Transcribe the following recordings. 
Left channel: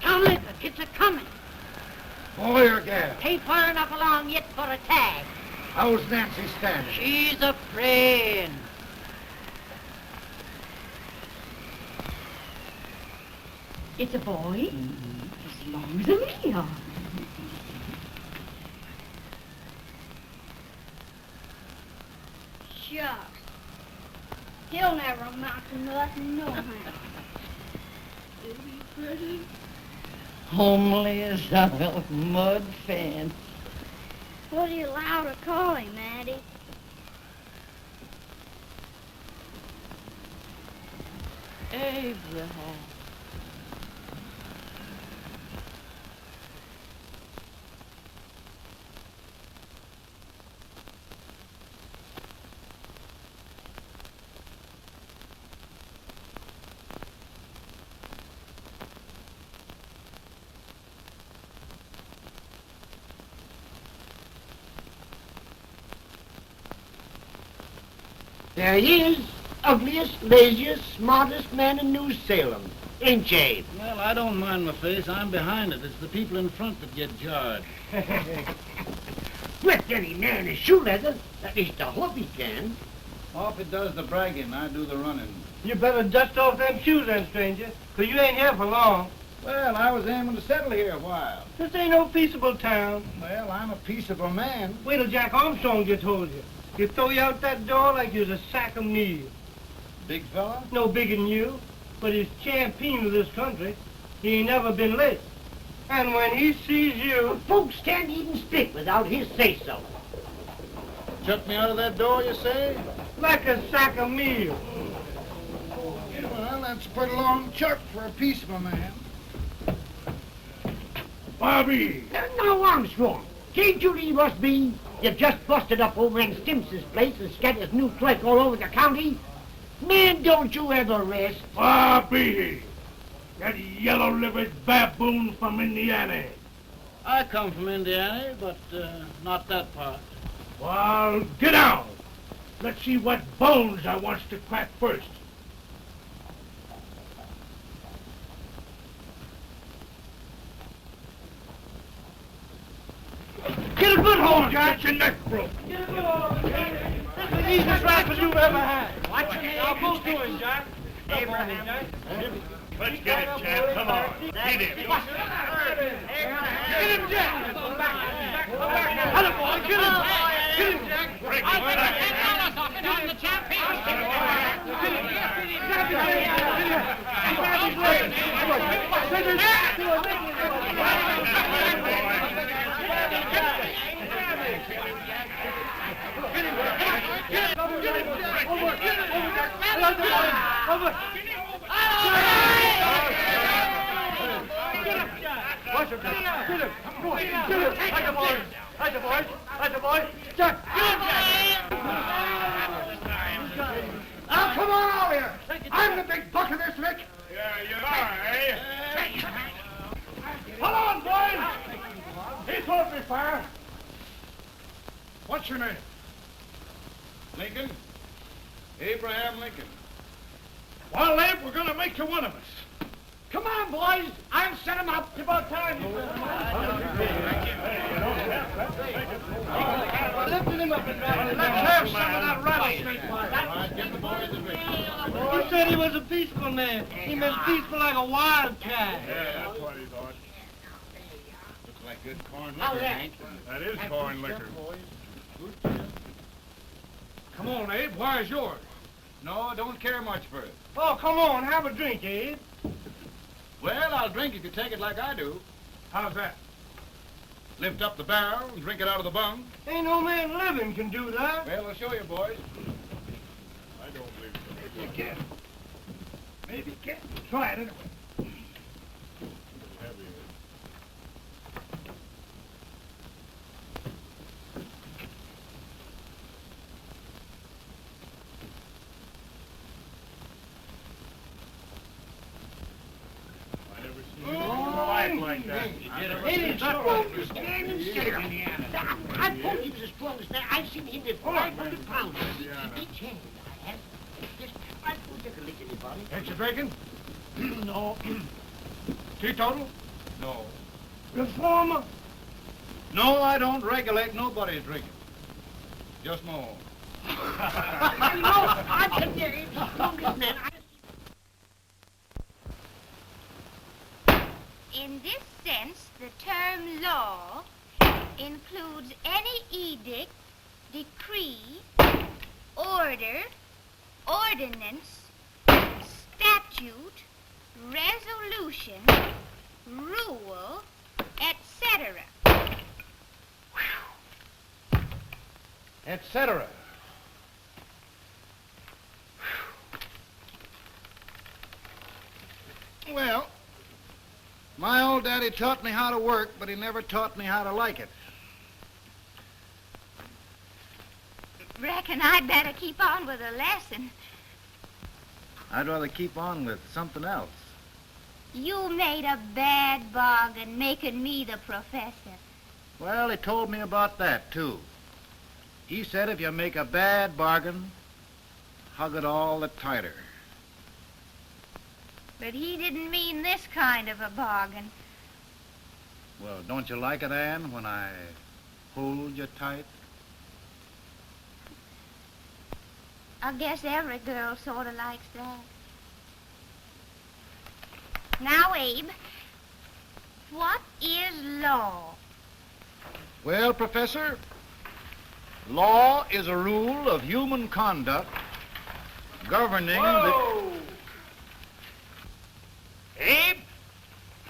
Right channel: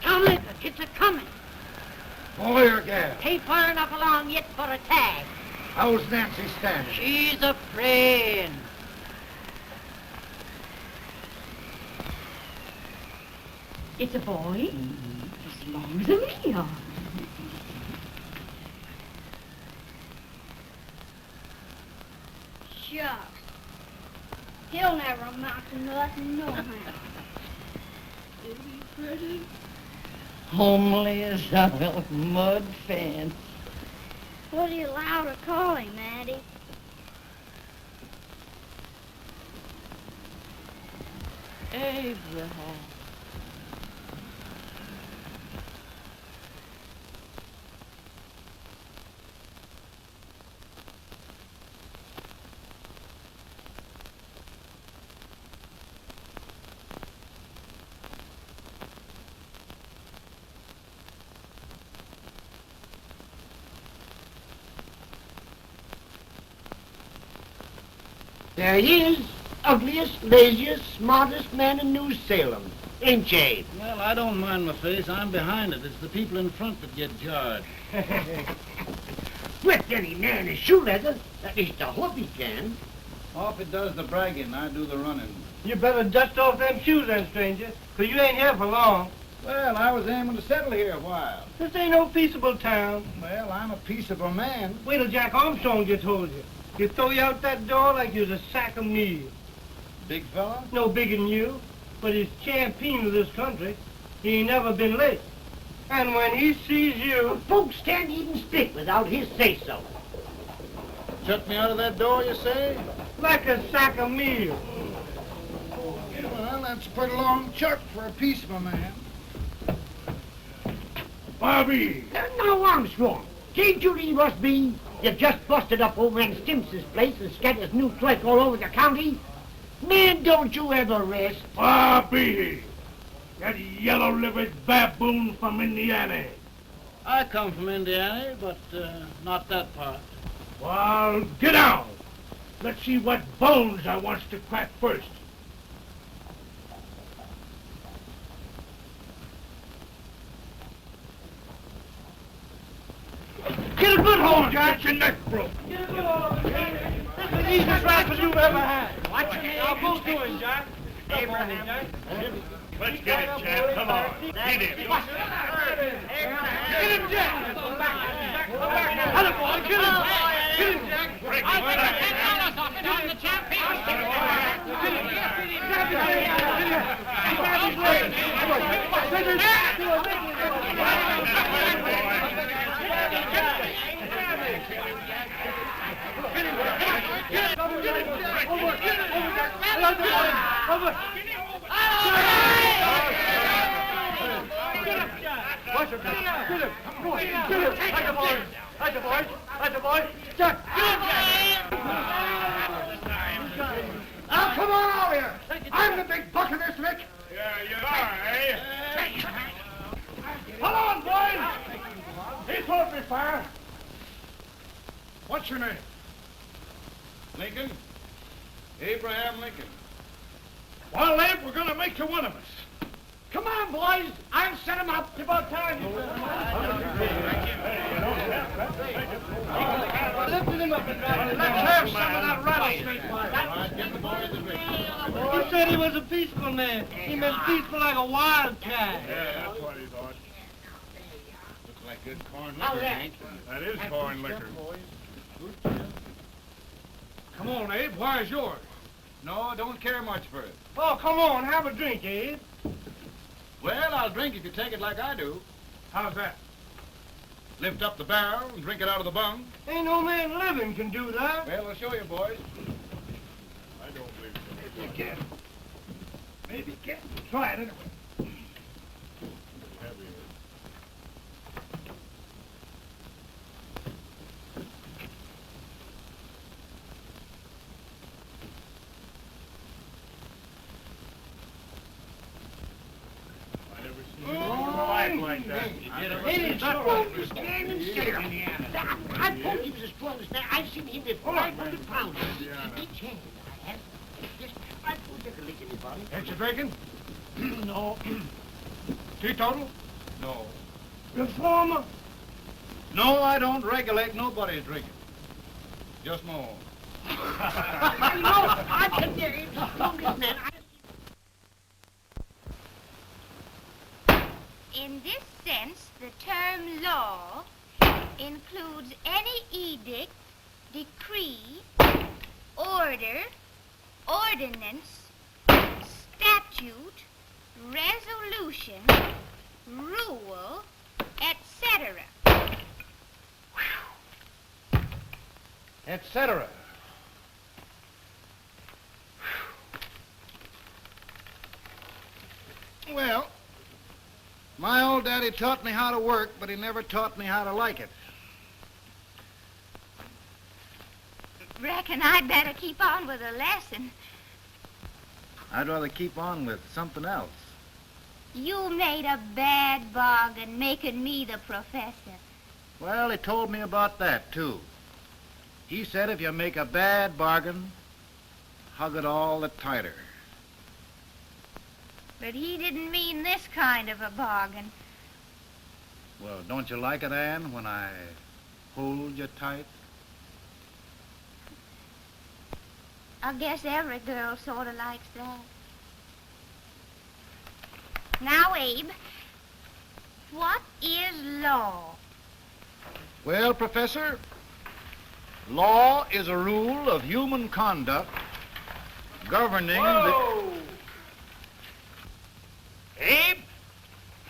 Tomlin, it's a-coming. Boy or gal? Ain't far enough along yet for a tag. How's Nancy standing? She's afraid. It's a boy, as long as a me are. Shucks. He'll never amount to nothing, no how. Homely as a mud fan. What are you allowed to call him, Maddie? Abraham. There he is, ugliest, laziest, smartest man in New Salem. Ain't you? Well, I don't mind my face. I'm behind it. It's the people in front that get jarred. With any man is shoe leather. At least I hope he can. Off it does the bragging. I do the running. You better dust off them shoes then, stranger, 'cause you ain't here for long. Well, I was aiming to settle here a while. This ain't no peaceable town. Well, I'm a peaceable man. Wait till Jack Armstrong gets hold of you. He'll throw you out that door like you're a sack of meal. Big fella? No bigger than you, but he's champion of this country. He ain't never been late. And when he sees you... Folks can't even speak without his say-so. Chuck me out of that door, you say? like a sack of meal. Well, that's a pretty long chuck for a peaceful man. Bobby! Now, Armstrong, can't you leave us be? You just busted up over in Stimps's place and scattered new clerk all over the county. Man, don't you ever rest. Bobby! That yellow-livered baboon from Indiana. I come from Indiana, but not that part. Well, get out. Let's see what bones I wants to crack first. Get a good hold, Jack. Get your neck broke. Get a good hold. That's the easiest rifle you've ever had. Watch it. I'll go to him, Jack. Abraham, Jack. Let's get it, Jack. Come on. Get it. Get him, Jack. Hello, boy. Get him. Get him, Jack. Break his back. Now, come on over here. I'm the big buck of this lick. Yeah, you are, eh? Come on, boys. He's going to be fire. What's your name? Lincoln? Abraham Lincoln. Well, Lamp, we're going to make you one of us. Come on, boys. I'll set him up. About time. He said he was a peaceful man. He was peaceful like a wildcat. Yeah, that's what he thought. Looks like good corn liquor, Hank. That is corn liquor. Come on, Abe. Where's yours? No, don't care much for it. Oh, come on. Have a drink, Abe. Well, I'll drink if you take it like I do. How's that? Lift up the barrel and drink it out of the bung. Ain't no man living can do that. Well, I'll show you, boys. I don't believe so. Maybe you can. Maybe you can. Try it anyway. mind that. It's understanding ceremony. I told you this brother's there. I've seen him with 500 pounds. Each hand. I don't think it's anybody. Ain't you drinking? No. Teetotal? No. Reformer? No, I don't regulate nobody's drinking. Just no. No, I can get it. Man. In this sense, the term law includes any edict, decree, order, ordinance, statute, resolution, rule, etc. Etc. Well, my old daddy taught me how to work, but he never taught me how to like it. Reckon I'd better keep on with the lesson. I'd rather keep on with something else. You made a bad bargain making me the professor. Well, he told me about that, too. He said if you make a bad bargain, hug it all the tighter. But he didn't mean this kind of a bargain. Well, don't you like it, Ann, when I hold you tight? I guess every girl sort of likes that. Now, Abe, what is law? Well, Professor, law is a rule of human conduct governing Whoa! Abe,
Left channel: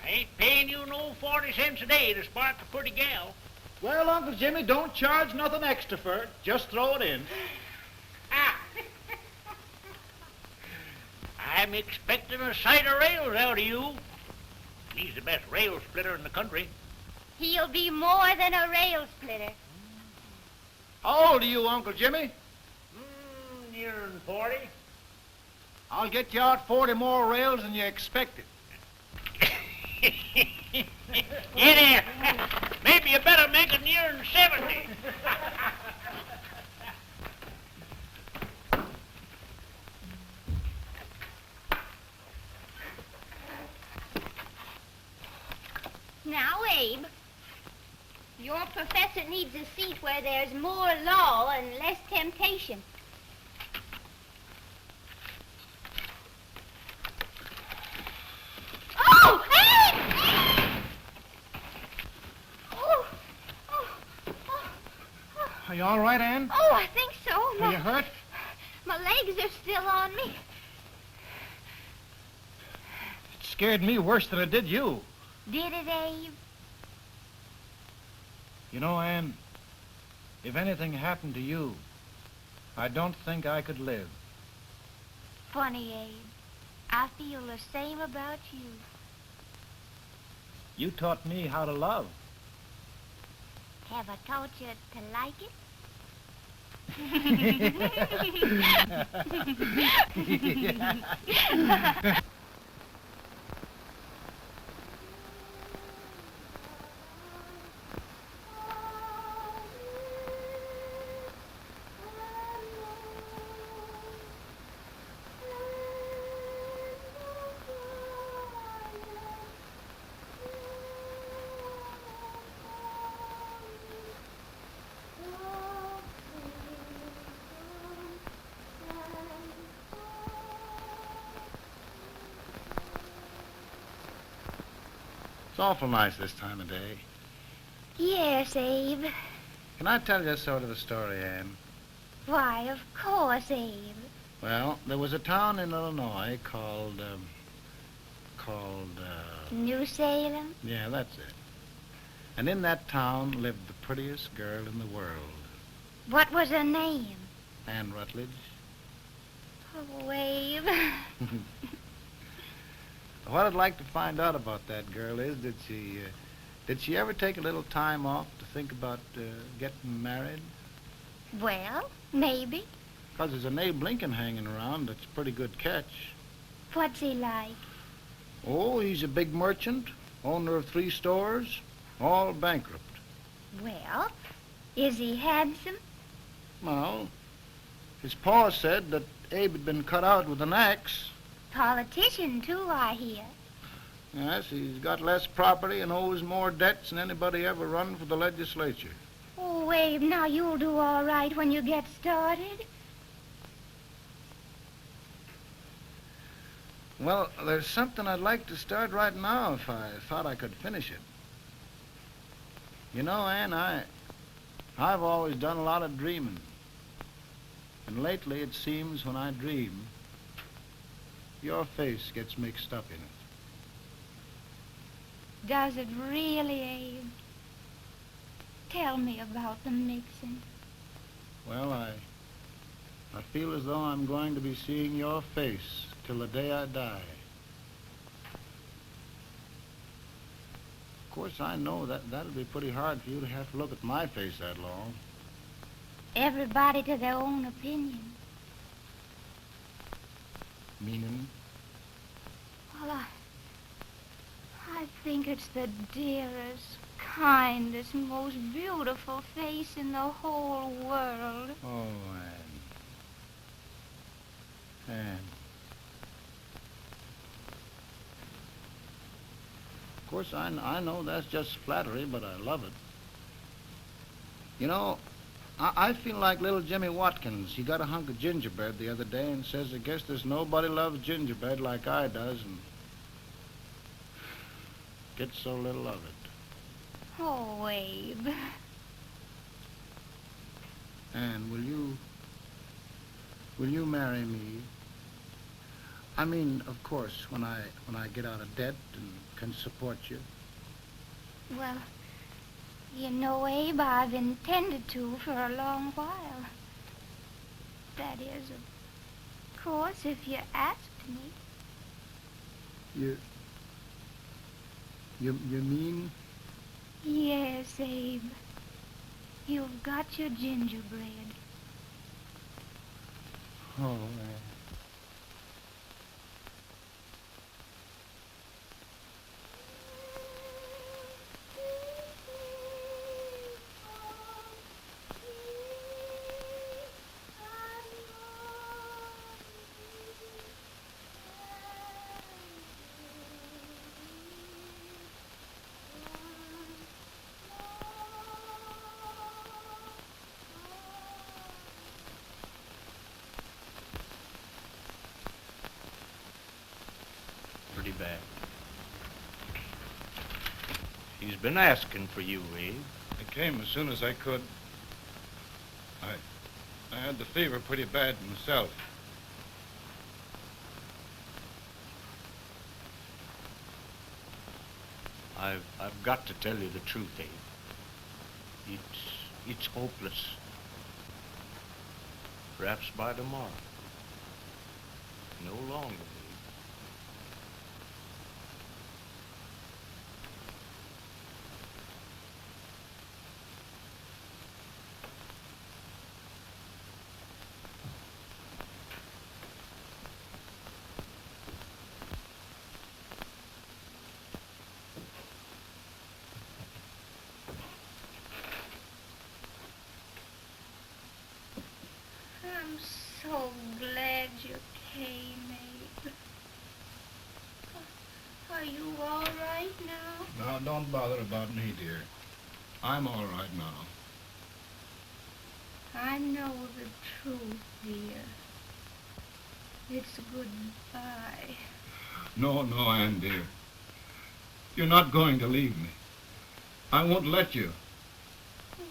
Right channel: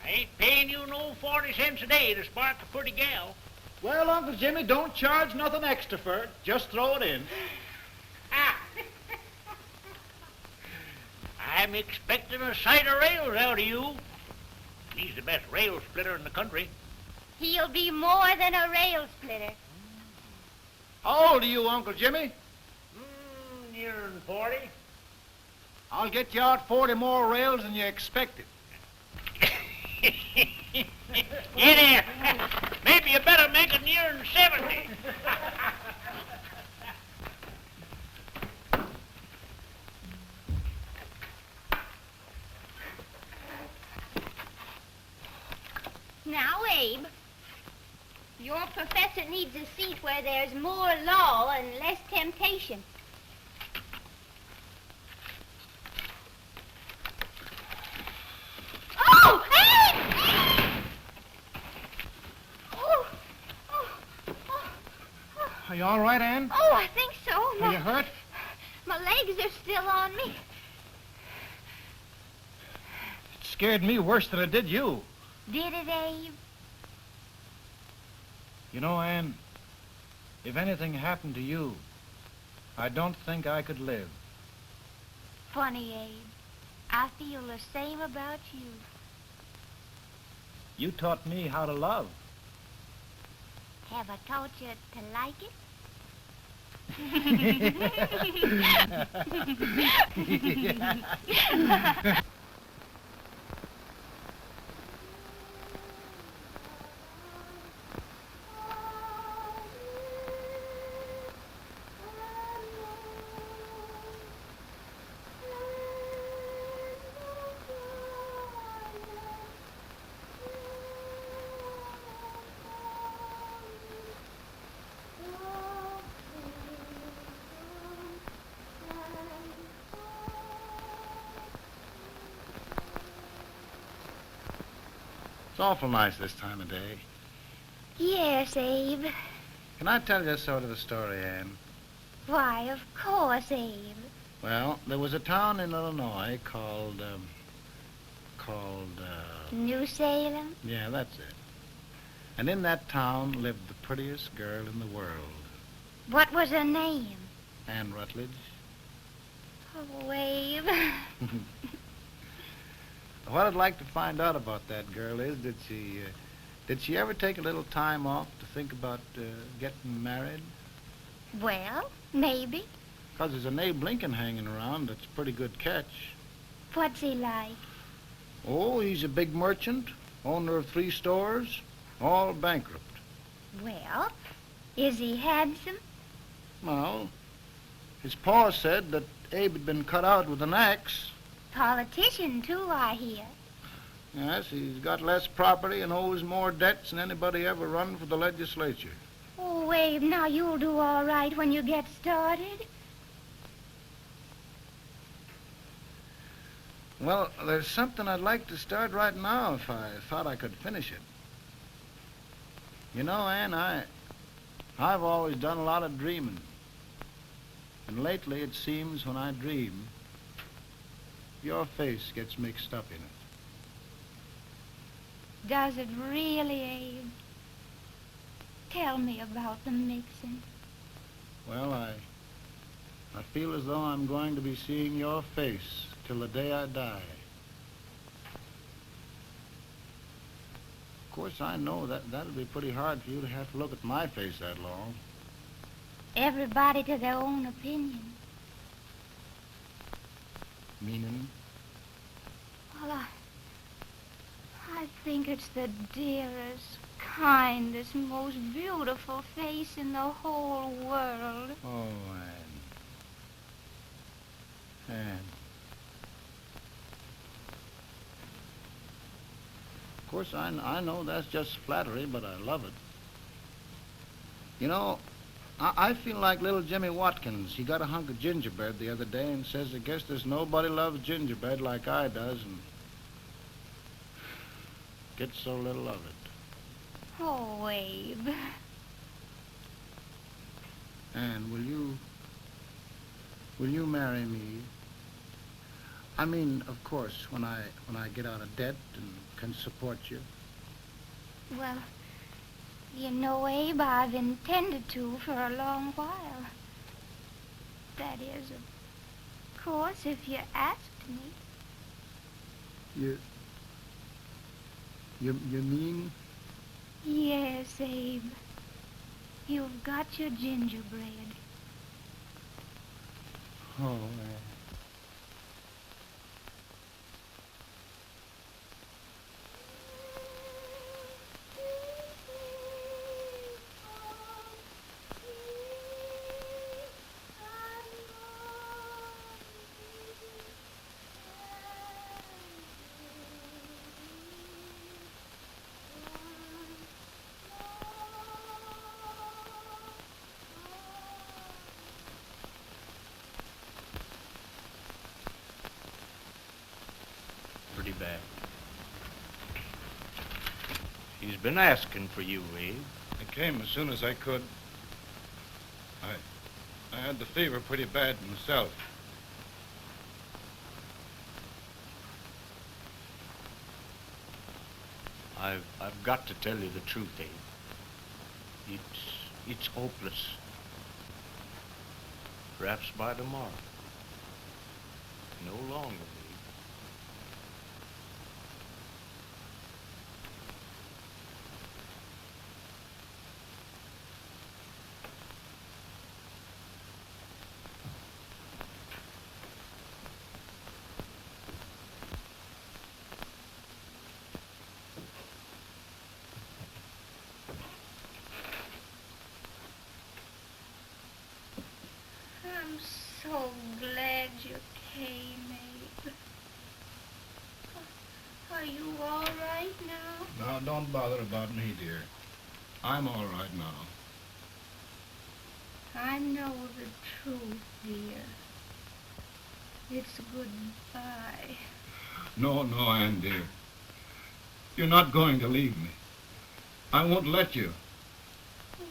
I ain't paying you no 40 cents a day to spark a pretty gal. Well, Uncle Jimmy, don't charge nothing extra for it. Just throw it in. Ah. I'm expecting a sight of rails out of you. He's the best rail splitter in the country. He'll be more than a rail splitter. How old are you, Uncle Jimmy? Nearer than 40. I'll get you out 40 more rails than you expected. Yeah, there. Maybe you better make it nearer than 70. Now, Abe, your professor needs a seat where there's more law and less temptation. Oh, Abe! Oh, oh, oh, oh. Are you all right, Ann? Oh, I think so. Are you hurt? My legs are still on me. It scared me worse than it did you. Did it, Abe? You know, Ann, if anything happened to you, I don't think I could live. Funny, Abe. I feel the same about you. You taught me how to love. Have I taught you to like it? It's awful nice this time of day. Yes, Abe. Can I tell you sort of a story, Ann? Why, of course, Abe. Well, there was a town in Illinois called, New Salem? yeah, that's it. And in that town lived the prettiest girl in the world, What was her name? Ann Rutledge. Oh, Abe. What I'd like to find out about that girl is, did she ever take a little time off to think about getting married? Well, maybe. Because there's an Abe Lincoln hanging around that's a pretty good catch. What's he like? Oh, he's a big merchant, owner of 3 stores, all bankrupt. Well, is he handsome? Well, his pa said that Abe had been cut out with an axe. Politician, too, I hear. Yes, he's got less property and owes more debts than anybody ever run for the legislature. Oh, Abe, now you'll do all right when you get started. Well, there's something I'd like to start right now if I thought I could finish it. You know, Ann, I've always done a lot of dreaming. And lately it seems when I dream, your face gets mixed up in it. Does it really, Abe? Tell me about the mixing. Well, I feel as though I'm going to be seeing your face till the day I die. Of course, I know that'll be pretty hard for you to have to look at my face that long. Everybody to their own opinion. Meaning? Well, I think it's the dearest, kindest, most beautiful face in the whole world. Oh, Ann. Of course, I know that's just flattery, but I love it. You know, I feel like little Jimmy Watkins. He got a hunk of gingerbread the other day and says, I guess there's nobody loves gingerbread like I does, and gets so little of it. Oh, Abe. And will you marry me? I mean, of course, when I get out of debt and can support you. Well, you know, Abe, I've intended to for a long while. That is, of course, if you asked me. You mean? Yes, Abe. You've got your gingerbread. Oh, Pretty bad. He's been asking for you, Abe. I came as soon as I could. I had the fever pretty bad myself. I've got to tell you the truth, Abe. It's hopeless. Perhaps by tomorrow. No longer. I'm so glad you came, Abe. Are you all right now? No, don't bother about me, dear. I'm all right now. I know the truth, dear. It's goodbye. No, Ann, dear. You're not going to leave me. I won't let you. We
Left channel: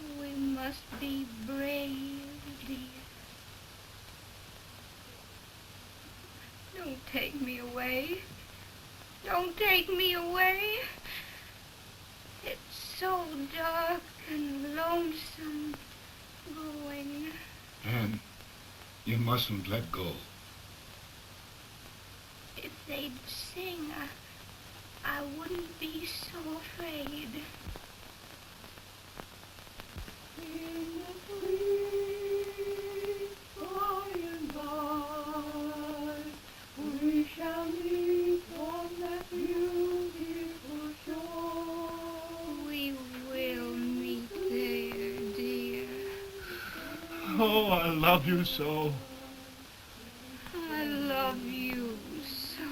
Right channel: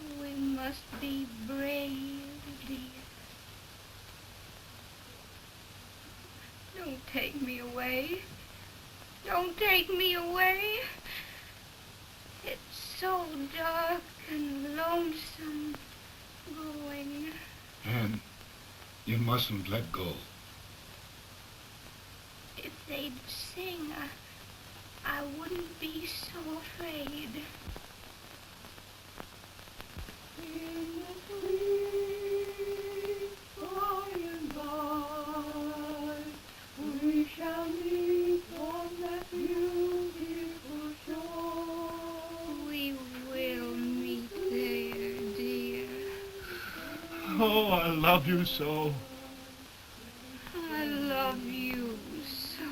must be brave, dear. Don't take me away. Don't take me away. It's so dark and lonesome going. Ann, you mustn't let go. If they'd sing, I wouldn't be so afraid. We shall meet on that beautiful shore. I love you so. I love you so.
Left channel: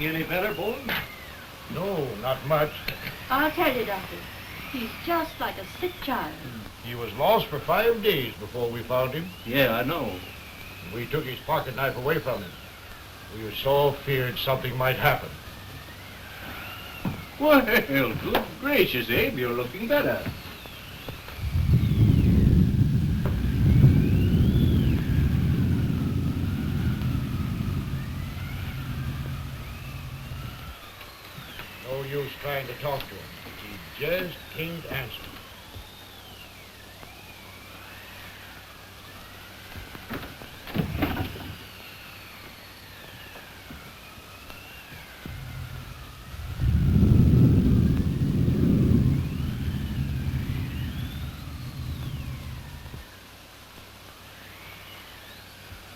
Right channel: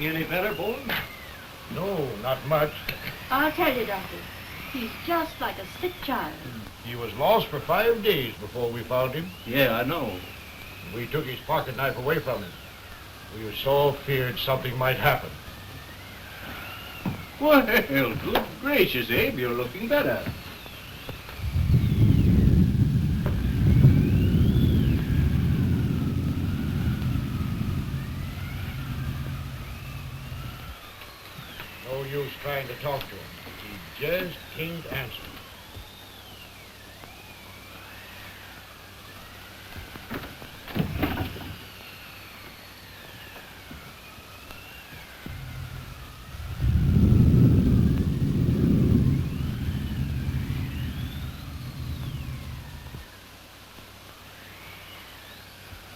Any better, Boone? No, not much. I'll tell you, Doctor. He's just like a sick child. He was lost for 5 days before we found him. Yeah, I know. We took his pocket knife away from him. We was so feared something might happen. Well, good gracious, Abe, you're looking better. No use trying to talk to him. He just can't answer.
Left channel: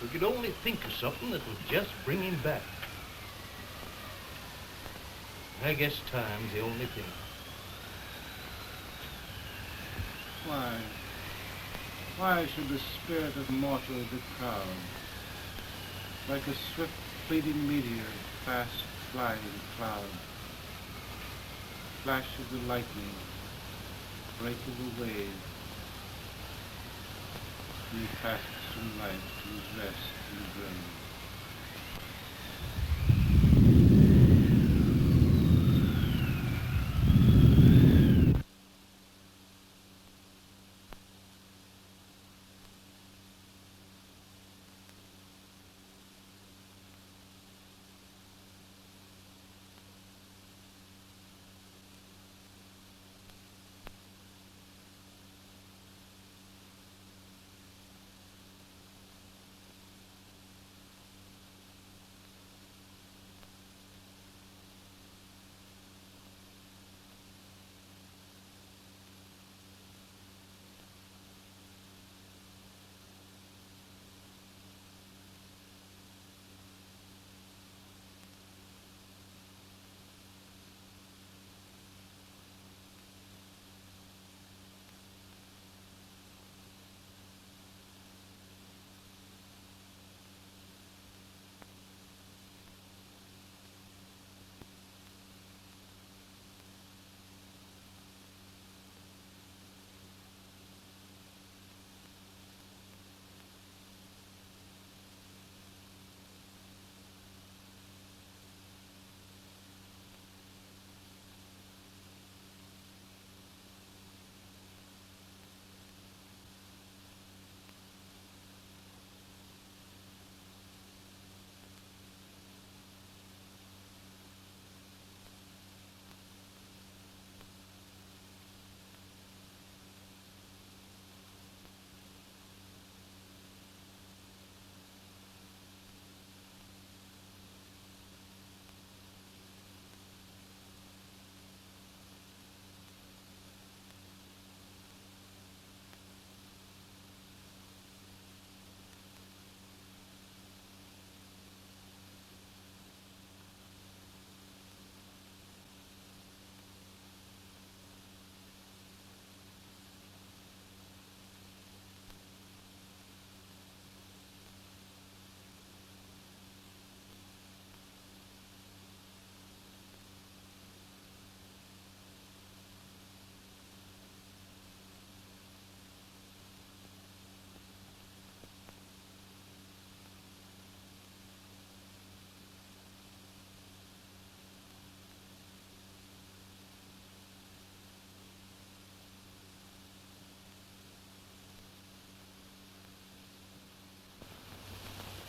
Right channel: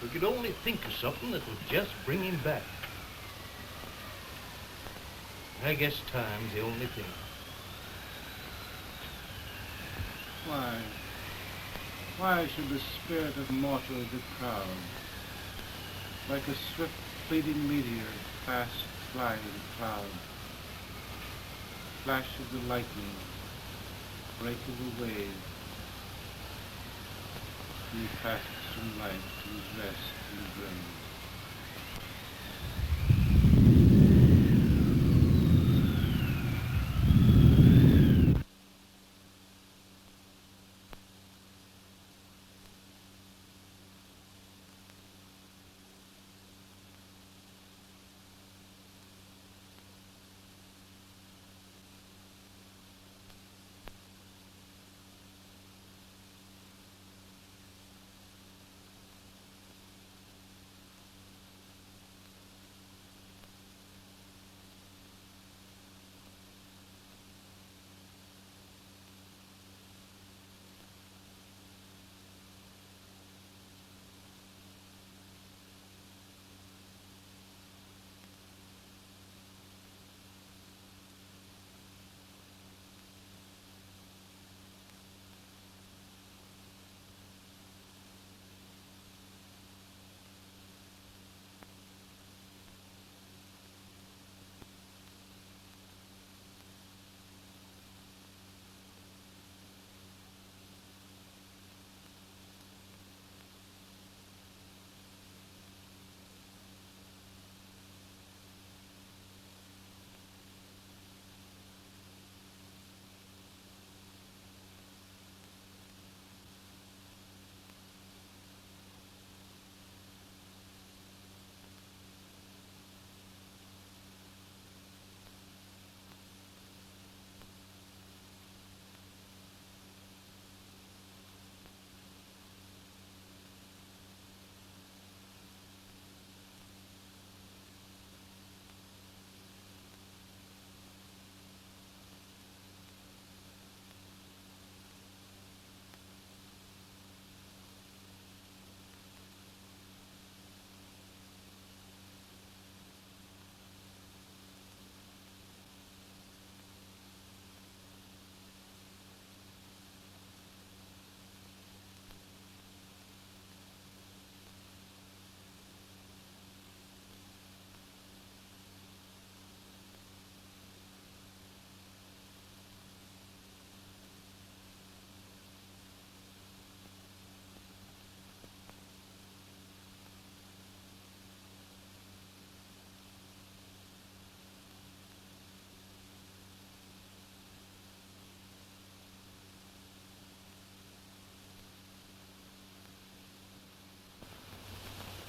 We could only think of something that would just bring him back. I guess time's the only thing. Why should the spirit of mortal be proud? Like a swift fleeting meteor, fast flying cloud. Flash of the lightning, break of the wave. He passes from life to his rest in the grave.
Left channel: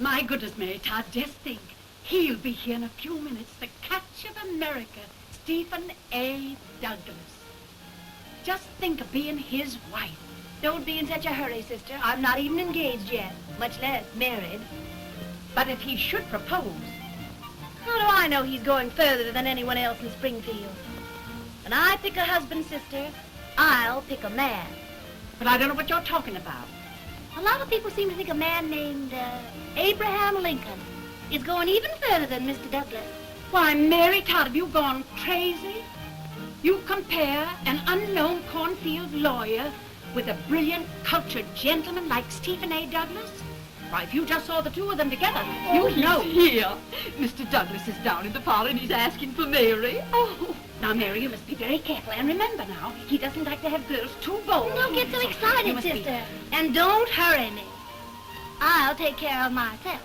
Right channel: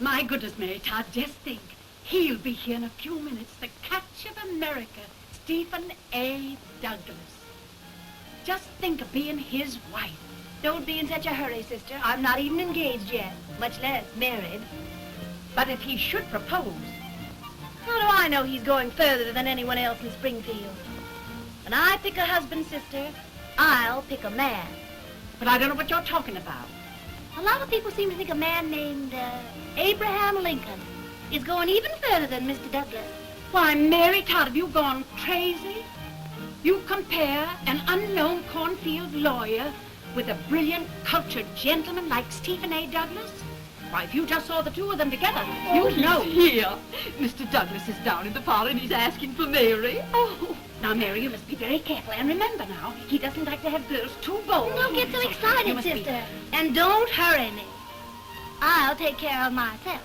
My goodness, Mary Todd, just think. He'll be here in a few minutes. The catch of America, Stephen A. Douglas. Just think of being his wife. Don't be in such a hurry, sister. I'm not even engaged yet, much less married. But if he should propose, How do I know he's going further than anyone else in Springfield? When I pick a husband, sister, I'll pick a man. but I don't know what you're talking about. A lot of people seem to think a man named Abraham Lincoln is going even further than Mr. Douglas. Why, Mary Todd, have you gone crazy? You compare an unknown cornfield lawyer with a brilliant, cultured gentleman like Stephen A. Douglas? Why, if you just saw the two of them together, you'd know. Here. Mr. Douglas is down in the parlor and he's asking for Mary. Oh, now, Mary, you must be very careful. And remember now, he doesn't like to have girls too bold. Don't get so You excited, must be- sister. And don't hurry me. I'll take care of myself.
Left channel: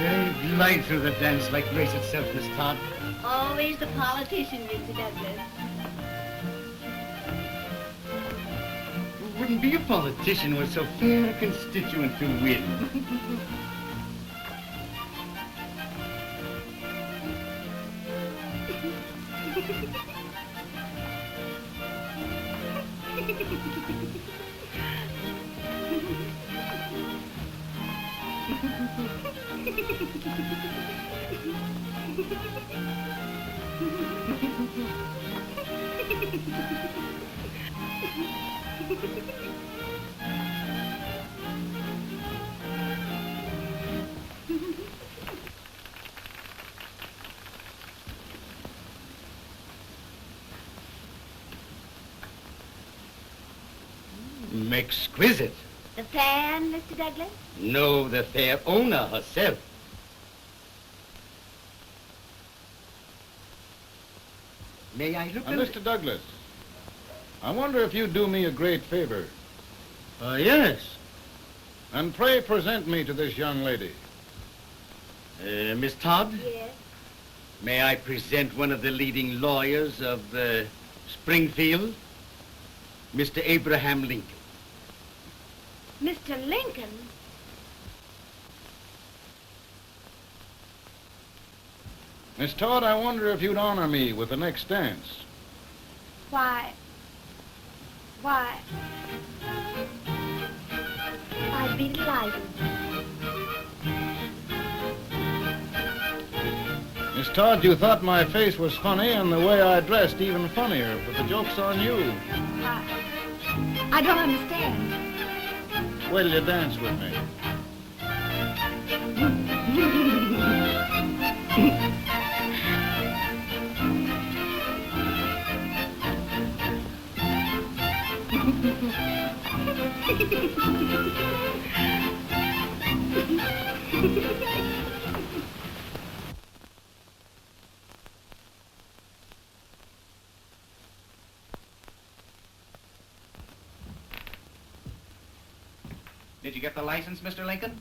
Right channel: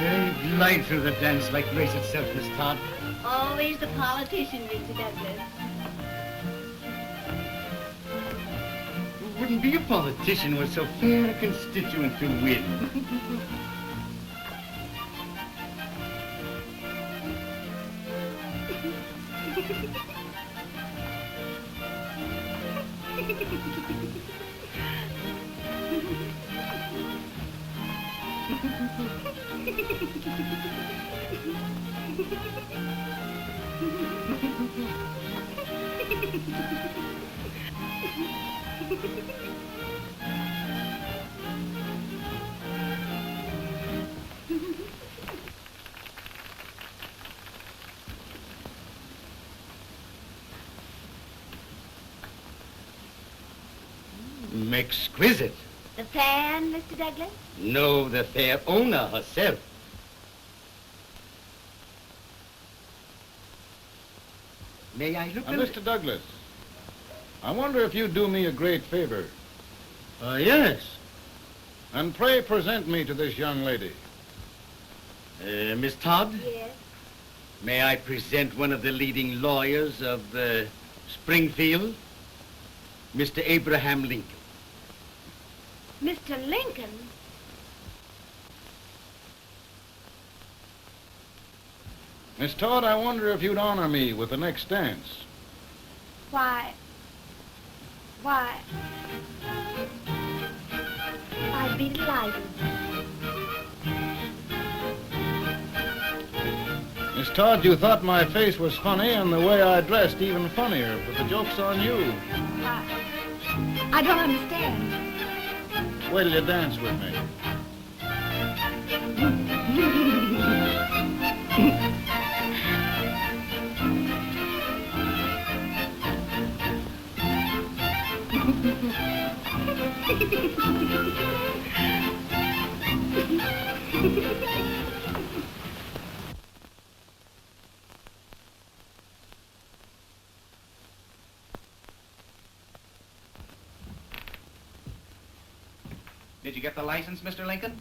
They glide through the dance like grace itself, Miss Todd. Always the politician, Mr. Douglas. Who wouldn't be a politician with so fair a constituent to win? Exquisite. The fan, Mr. Douglas? No, the fair owner herself. May I look Now, at Mr. Douglas, I wonder if you'd do me a great favor. Yes. And pray present me to this young lady. Miss Todd, Yes. may I present one of the leading lawyers of Springfield, Mr. Abraham Lincoln. Mr. Lincoln? Miss Todd, I wonder if you'd honor me with the next dance. Why? I'd be delighted. Miss Todd, you thought my face was funny and the way I dressed even funnier, but the joke's on you. Why? I don't understand. Wait till you dance with me. Did you get the license, Mr. Lincoln?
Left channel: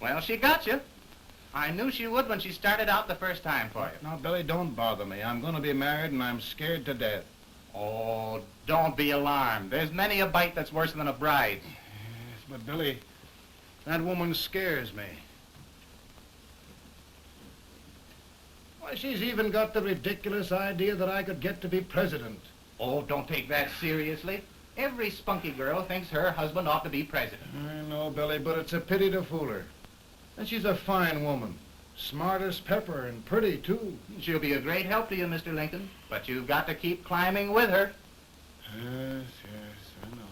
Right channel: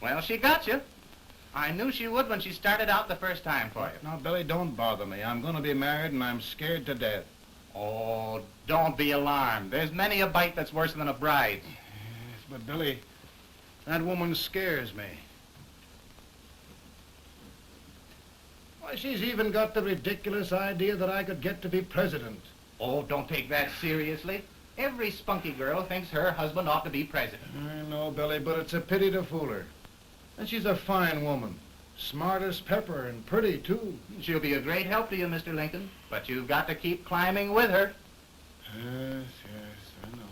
Well, she got you. I knew she would when she started out the first time for you. Now, Billy, don't bother me. I'm going to be married and I'm scared to death. Oh, don't be alarmed. There's many a bite that's worse than a bride. But, Billy, that woman scares me. Why, she's even got the ridiculous idea that I could get to be president. Oh, don't take that seriously. Every spunky girl thinks her husband ought to be president. I know, Billy, but it's a pity to fool her. And she's a fine woman. Smart as pepper and pretty, too. She'll be a great help to you, Mr. Lincoln, but you've got to keep climbing with her. Yes, I know.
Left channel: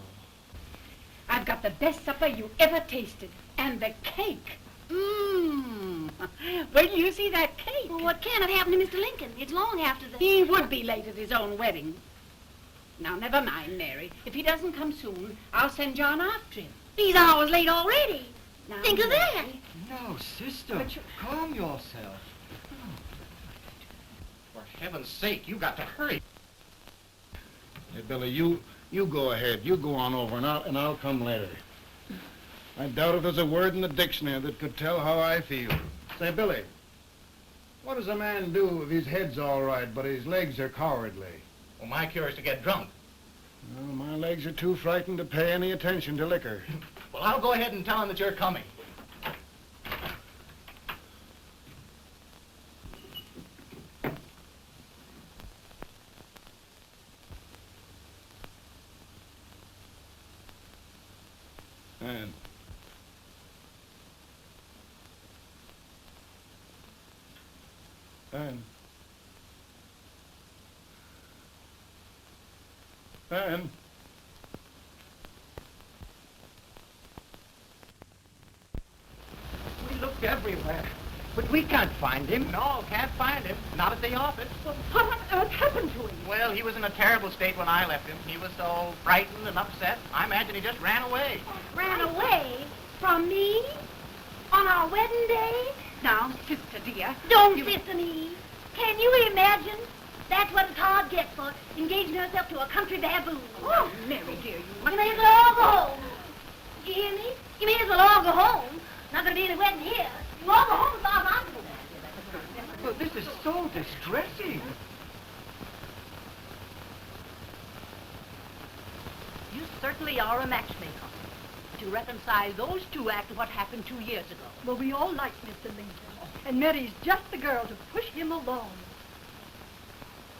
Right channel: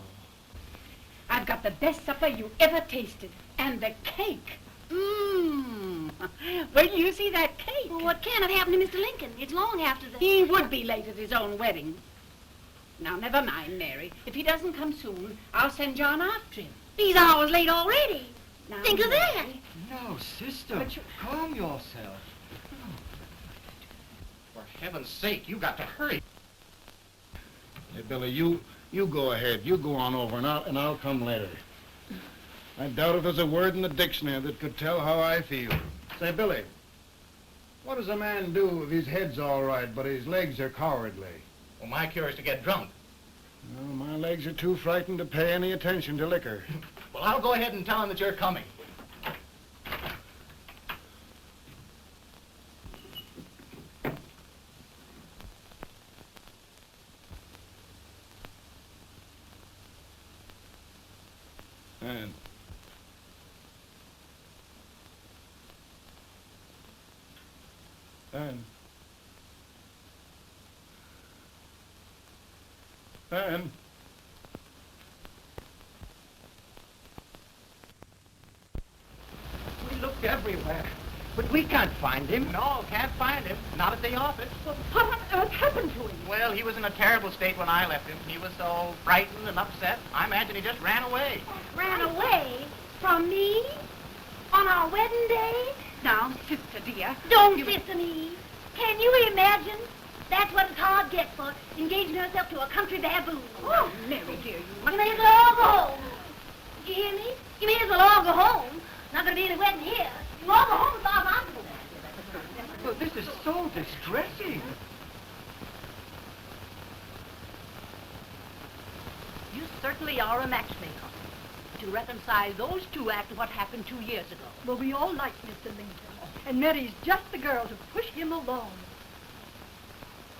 I've got the best supper you ever tasted. And the cake. Mmm. Wait till you see that cake. Well, what can have happened to Mr. Lincoln? It's long after the... He would be late at his own wedding. Now, never mind, Mary. If he doesn't come soon, I'll send John after him. He's hours late already. Now, Think of that. No, sister. Calm yourself. For heaven's sake, you got to hurry. Hey, Billy, you go ahead. You go on over, and I'll come later. I doubt if there's a word in the dictionary that could tell how I feel. Say, Billy, what does a man do if his head's all right, but his legs are cowardly? Well, my cure is to get drunk. Well, my legs are too frightened to pay any attention to liquor. Well, I'll go ahead and tell him that you're coming. Ann. Ann. Ann. We looked everywhere, but we can't find him. No, can't find him. Not at the office. Well, what on earth happened to him? Well, he was in a terrible state when I left him. He was so frightened and upset. I imagine he just ran away. Ran away from me on our wedding day? Now, sister dear. Don't listen to me. Can you imagine? That's what his heart gets for engaging herself to a country baboon. Oh, Mary dear, you may as well all go home. You hear me? You may as well all go home. Not going to be any wedding here. You all go home as far as I'm concerned. Well, this is so distressing. You certainly are a matchmaker. To reconcile those two after what happened 2 years ago. Well, we all like Mr. Lincoln. And Mary's just the girl to push him along.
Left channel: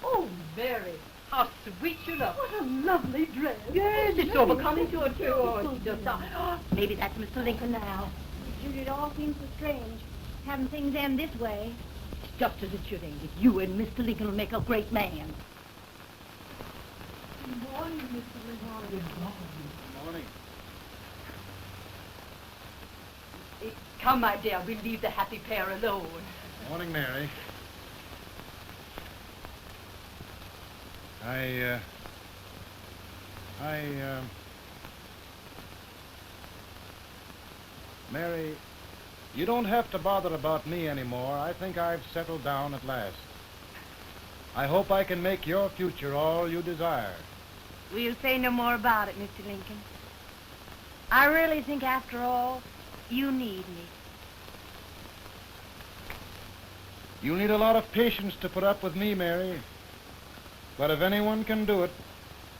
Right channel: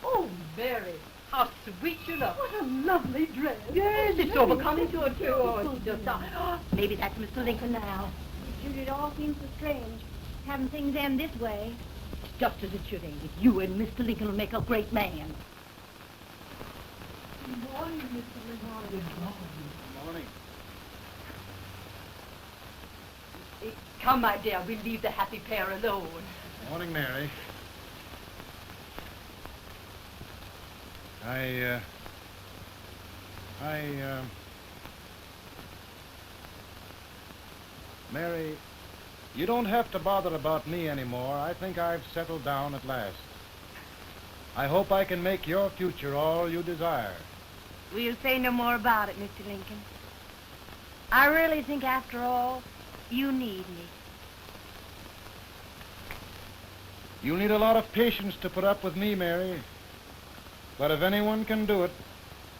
Oh, Mary, how sweet you look. What a lovely dress. Yes, it's overcoming to her, too. Oh, it's just maybe that's Mr. Lincoln now. Sure, it all seems so strange, having things end this way. It's just as it should end. You and Mr. Lincoln will make a great man. Good morning, Mr. Lincoln. Good morning. Come, my dear, we'll leave the happy pair alone. Morning, Mary. Mary, you don't have to bother about me anymore. I think I've settled down at last. I hope I can make your future all you desire. Will you say no more about it, Mr. Lincoln? I really think, after all, you need me. You need a lot of patience to put up with me, Mary. But if anyone can do it,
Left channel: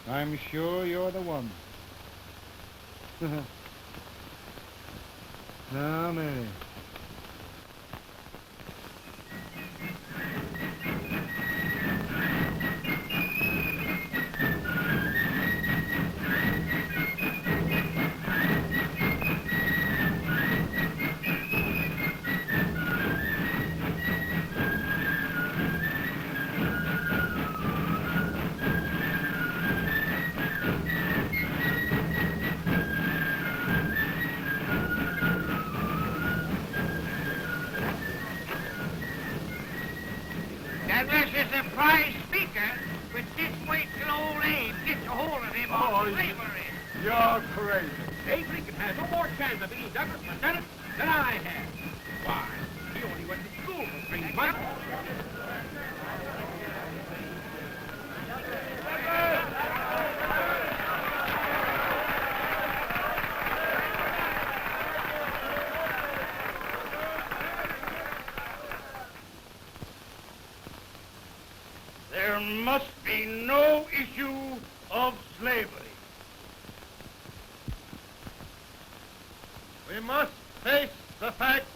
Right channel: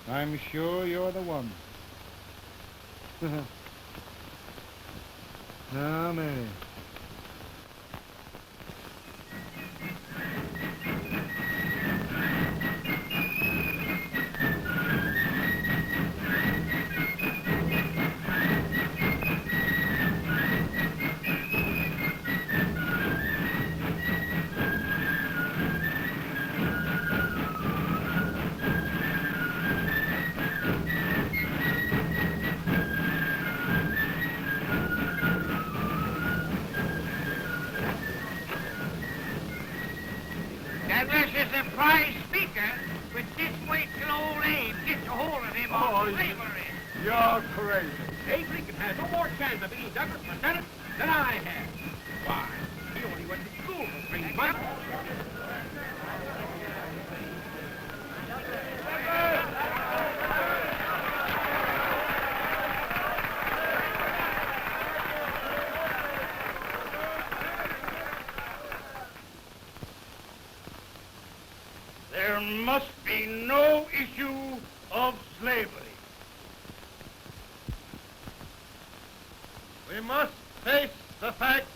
I'm sure you're the one. Amen. That was a surprise speaker with this weight till old age gets a hold of him on the slavery. You're crazy. Abe Lincoln has no more chance of being Douglas Lieutenant than I have. Why, he only went to school for 3 months. There must be no issue of slavery. We must face the facts.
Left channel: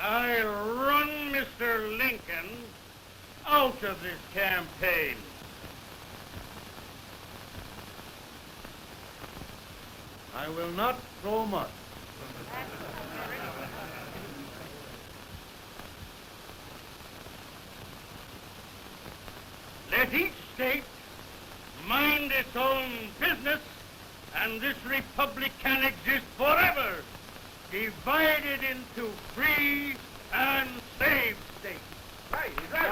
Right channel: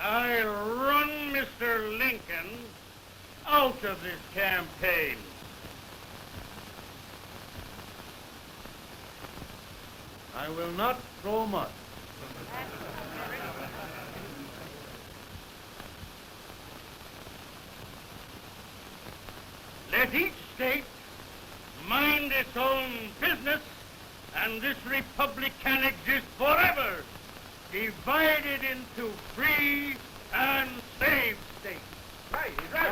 I run Mr. Lincoln out of this campaign. I will not go much. Let each state mind its own business, and this republic can exist forever, divided into free and slave states. Right, right.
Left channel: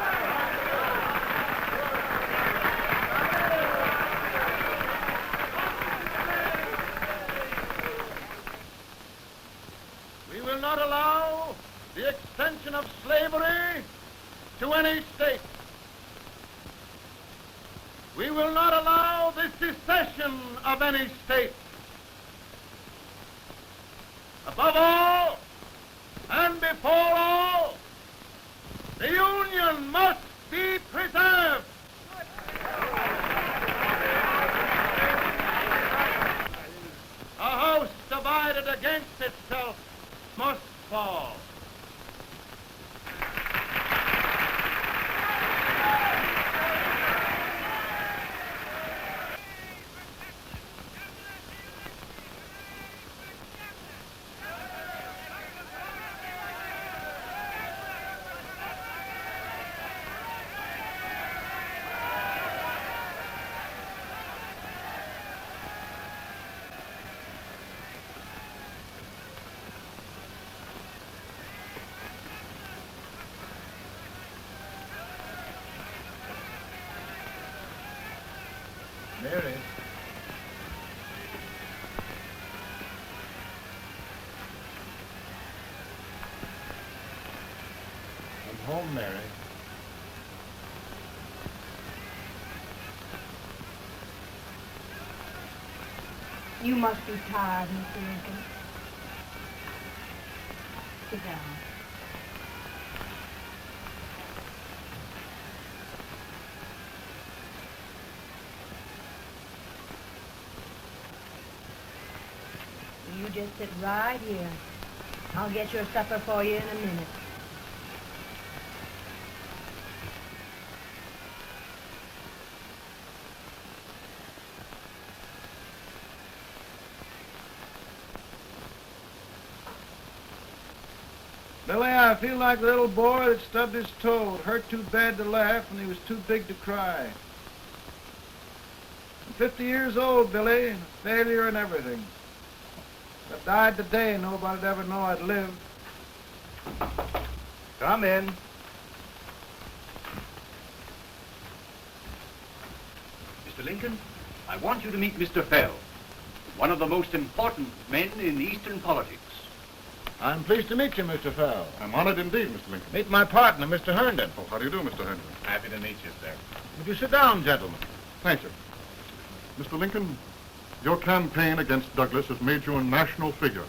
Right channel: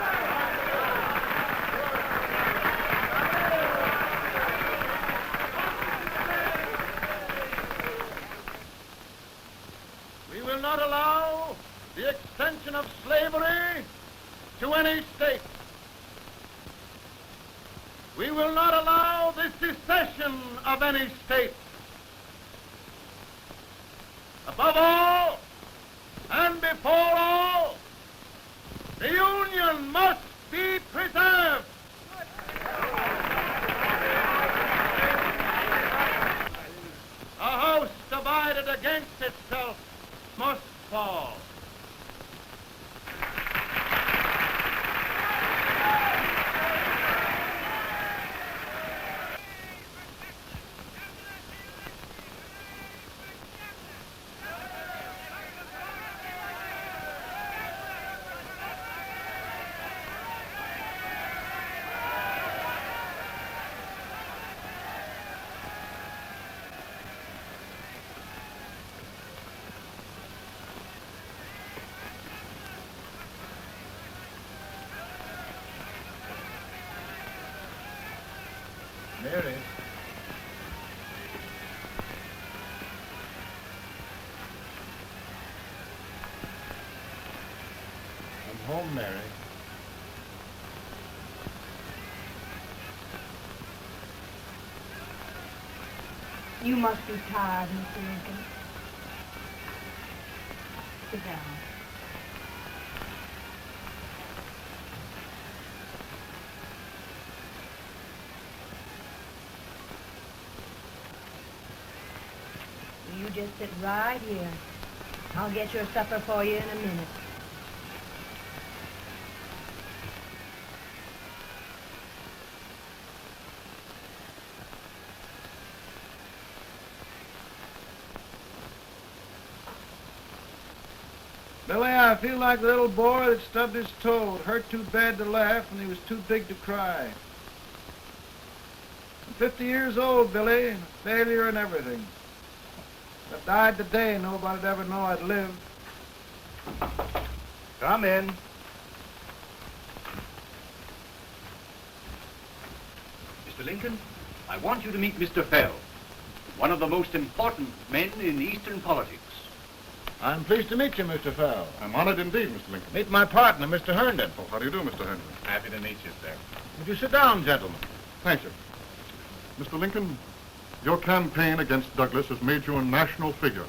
Union must be preserved. A house divided against itself must fall. Mary. I'm home, Mary. You must be tired, Mr. Lincoln. Sit down. You just sit right here. I'll get your supper for you in a minute. Billy, I feel like a little boy that stubbed his toe. It hurt too bad to laugh, and he was too big to cry. I'm 50 years old, Billy, failure and everything. If I died today, nobody'd ever know I'd lived. Come in. Mr. Lincoln, I want you to meet Mr. Fell, one of the most important men in Eastern politics. I'm pleased to meet you, Mr. Fell. I'm honored indeed, Mr. Lincoln. Meet my partner, Mr. Herndon. Oh, how do you do, Mr. Henry? Happy to meet you, sir. Would you sit down, gentlemen? Thank you. Mr. Lincoln, your campaign against Douglas has made you a national figure.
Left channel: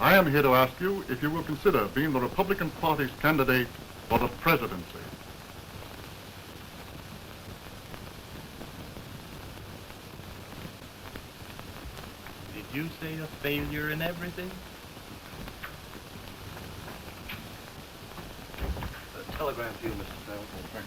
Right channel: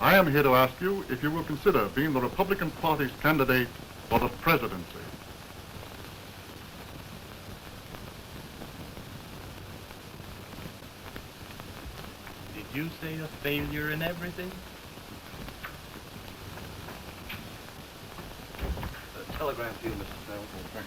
I am here to ask you if you will consider being the Republican Party's candidate for the presidency. Did you say a failure in everything? A telegram to you, Mr. Fell. Thank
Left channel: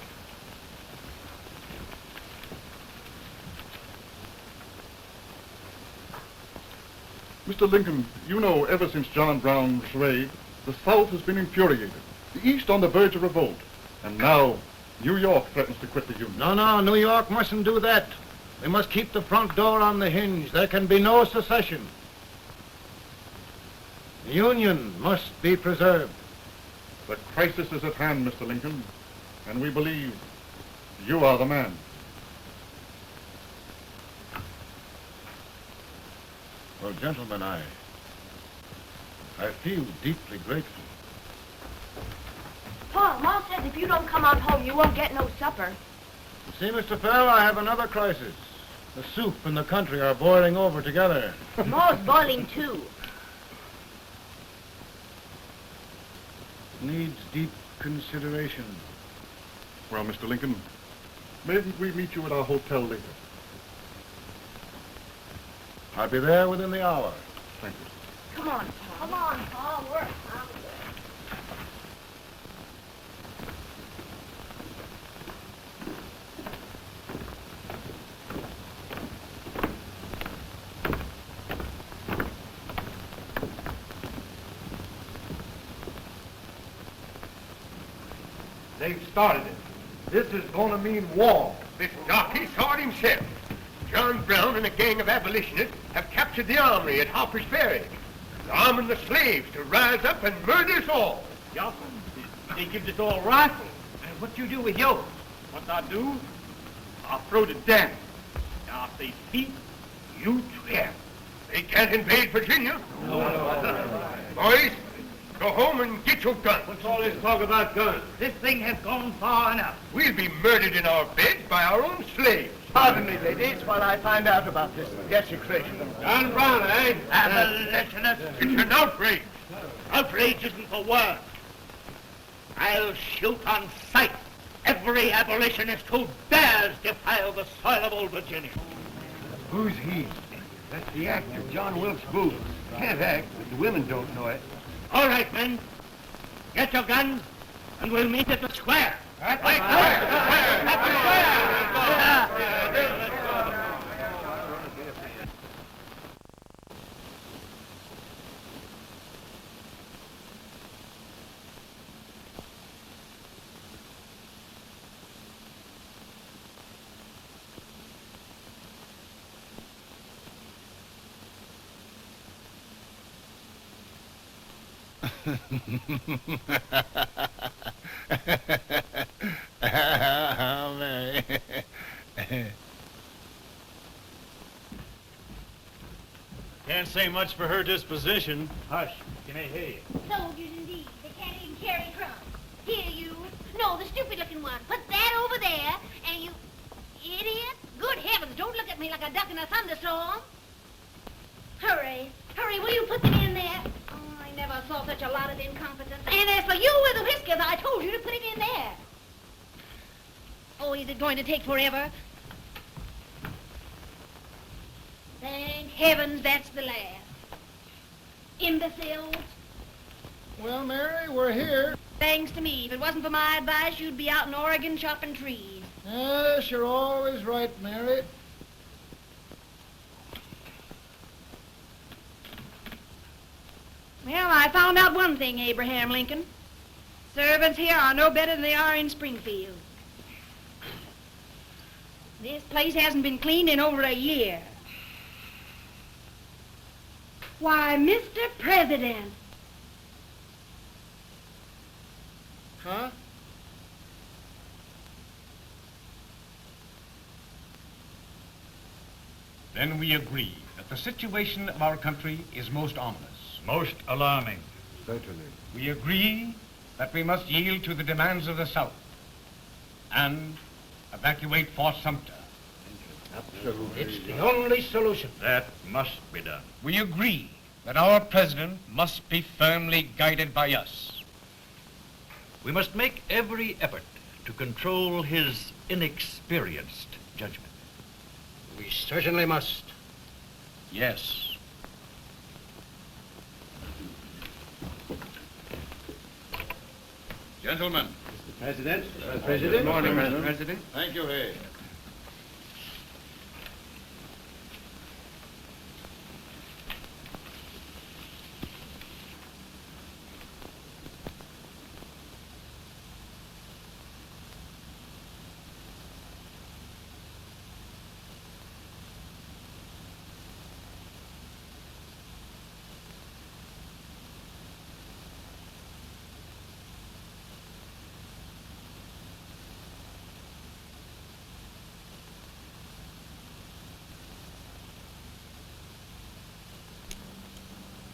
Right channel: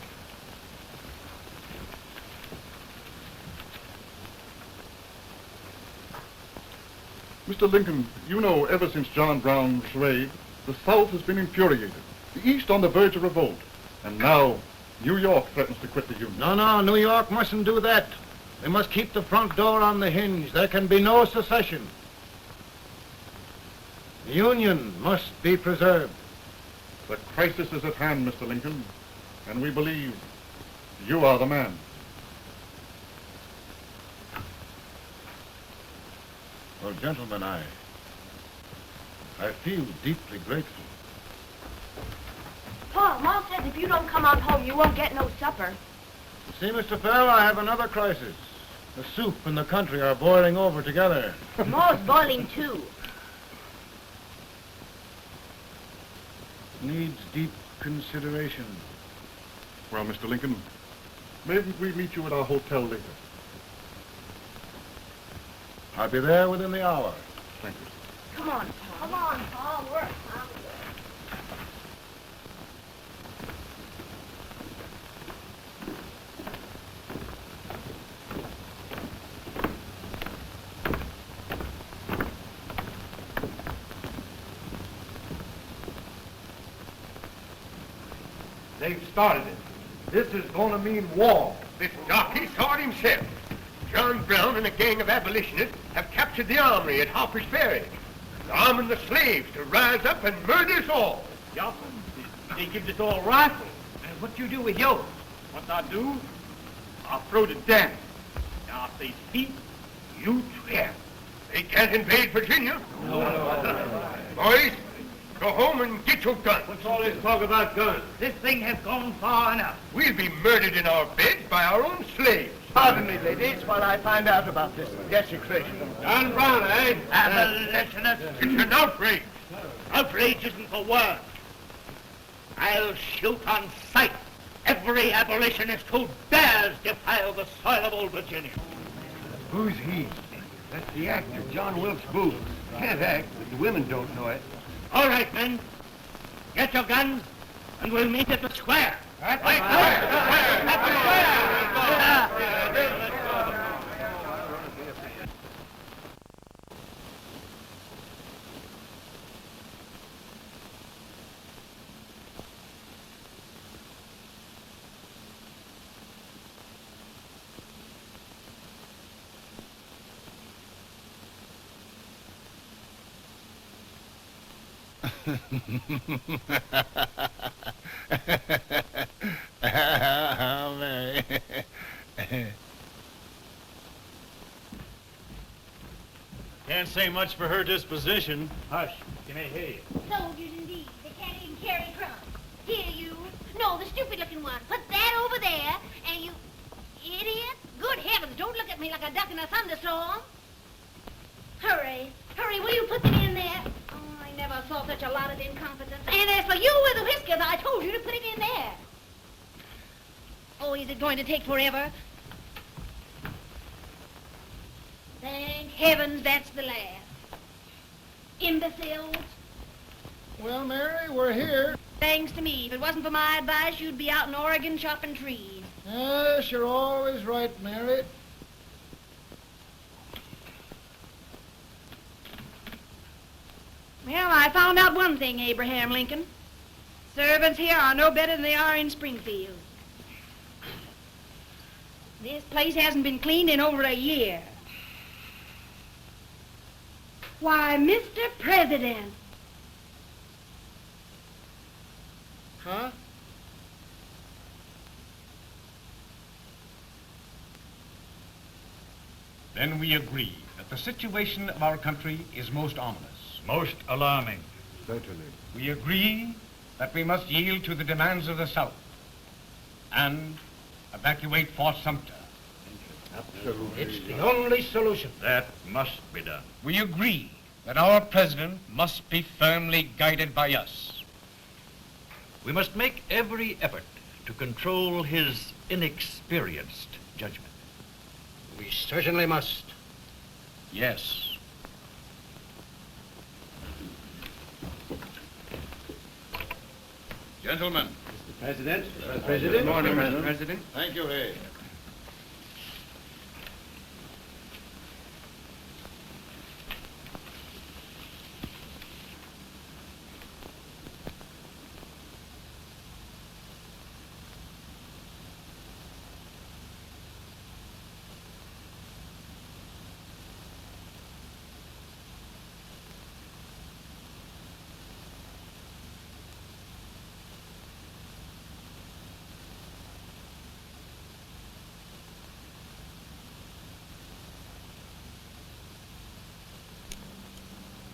you. Mr. Lincoln, you know ever since John Brown's raid, the South has been infuriated, the East on the verge of revolt, and now New York threatens to quit the Union. No, New York mustn't do that. They must keep the front door on the hinge. There can be no secession. The Union must be preserved. The crisis is at hand, Mr. Lincoln, and we believe you are the man. Well, gentlemen, I feel deeply grateful. Pa, Ma says if you don't come on home, you won't get no supper. See, Mr. Fell, I have another crisis. The soup and the country are boiling over together. Ma's boiling too. Needs deep consideration. Well, Mr. Lincoln, maybe we meet you at our hotel later. I'll be there within the hour. Thank you. Come on, Pa. Come on, Pa. Work. They've started it. This is going to mean war. This jockey saw it himself. John Brown and a gang of abolitionists have captured the armory at Harper's Ferry. They're arming the slaves to rise up and murder us all. Yeah, they give us all rifles. And what you do with yours? What I do? I'll throw the damn. Now, if they speak, you swear. They can't invade Virginia. Boys, go home and get your guns. What's all this talk about guns? This thing has gone far enough. We'll be murdered in our beds by our own slaves. Pardon me, ladies, while I find out about this desecration. John Brown, eh? Abolitionists, it's an outrage. Outrage isn't the word. I'll shoot on sight every abolitionist who dares defile the soil of Old Virginia. Who's he? That's the actor, John Wilkes Booth. Can't act, but the women don't know it. All right, men. Get your guns, and we'll meet at the square. At the square! Can't say much for her disposition. Hush, can I hear you? Soldiers indeed. They can't even carry a truck. Here, you. No, the stupid-looking one. Put that over there, and you... Idiot. Good heavens, don't look at me like a duck in a thunderstorm. Hurry. Hurry, will you put them in there? Oh, I never saw such a lot of incompetence. And as for you with the whiskers, I told you to put it in there. Oh, is it going to take forever? Thank heavens that's the last. Imbeciles. Well, Mary, we're here. Thanks to me. If it wasn't for my advice, you'd be out in Oregon chopping trees. Yes, you're always right, Mary. Well, I found out one thing, Abraham Lincoln. Servants here are no better than they are in Springfield. This place hasn't been cleaned in over a year. Why, Mr. President. Huh? Then we agree that the situation of our country is most ominous. Most alarming. Certainly. We agree that we must yield to the demands of the South and evacuate Fort Sumter. It's the only solution. That must be done. We agree that our president must be firmly guided by us. We must make every effort to control his inexperienced judgment. We certainly must. Yes. Gentlemen. President. Good morning, Mr. President. Thank you, Hay.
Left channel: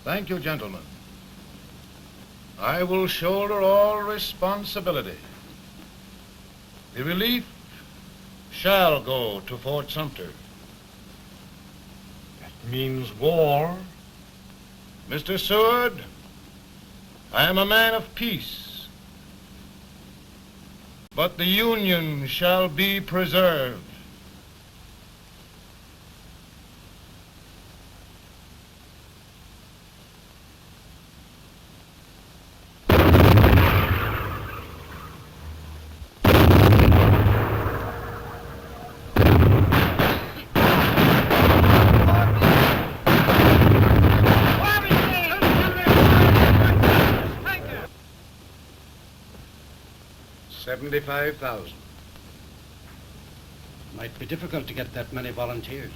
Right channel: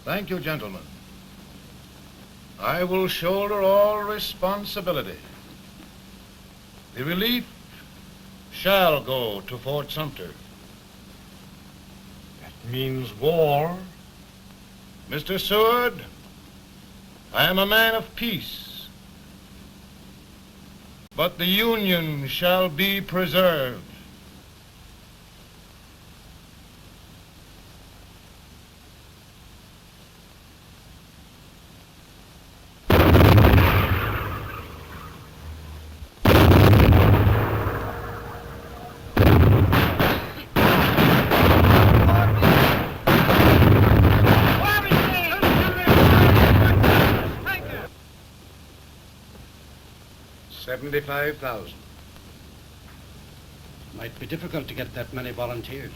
Thank you, gentlemen. I will shoulder all responsibility. The relief shall go to Fort Sumter. That means war. Mr. Seward, I am a man of peace, but the Union shall be preserved. $75,000. Might be difficult to get that many volunteers.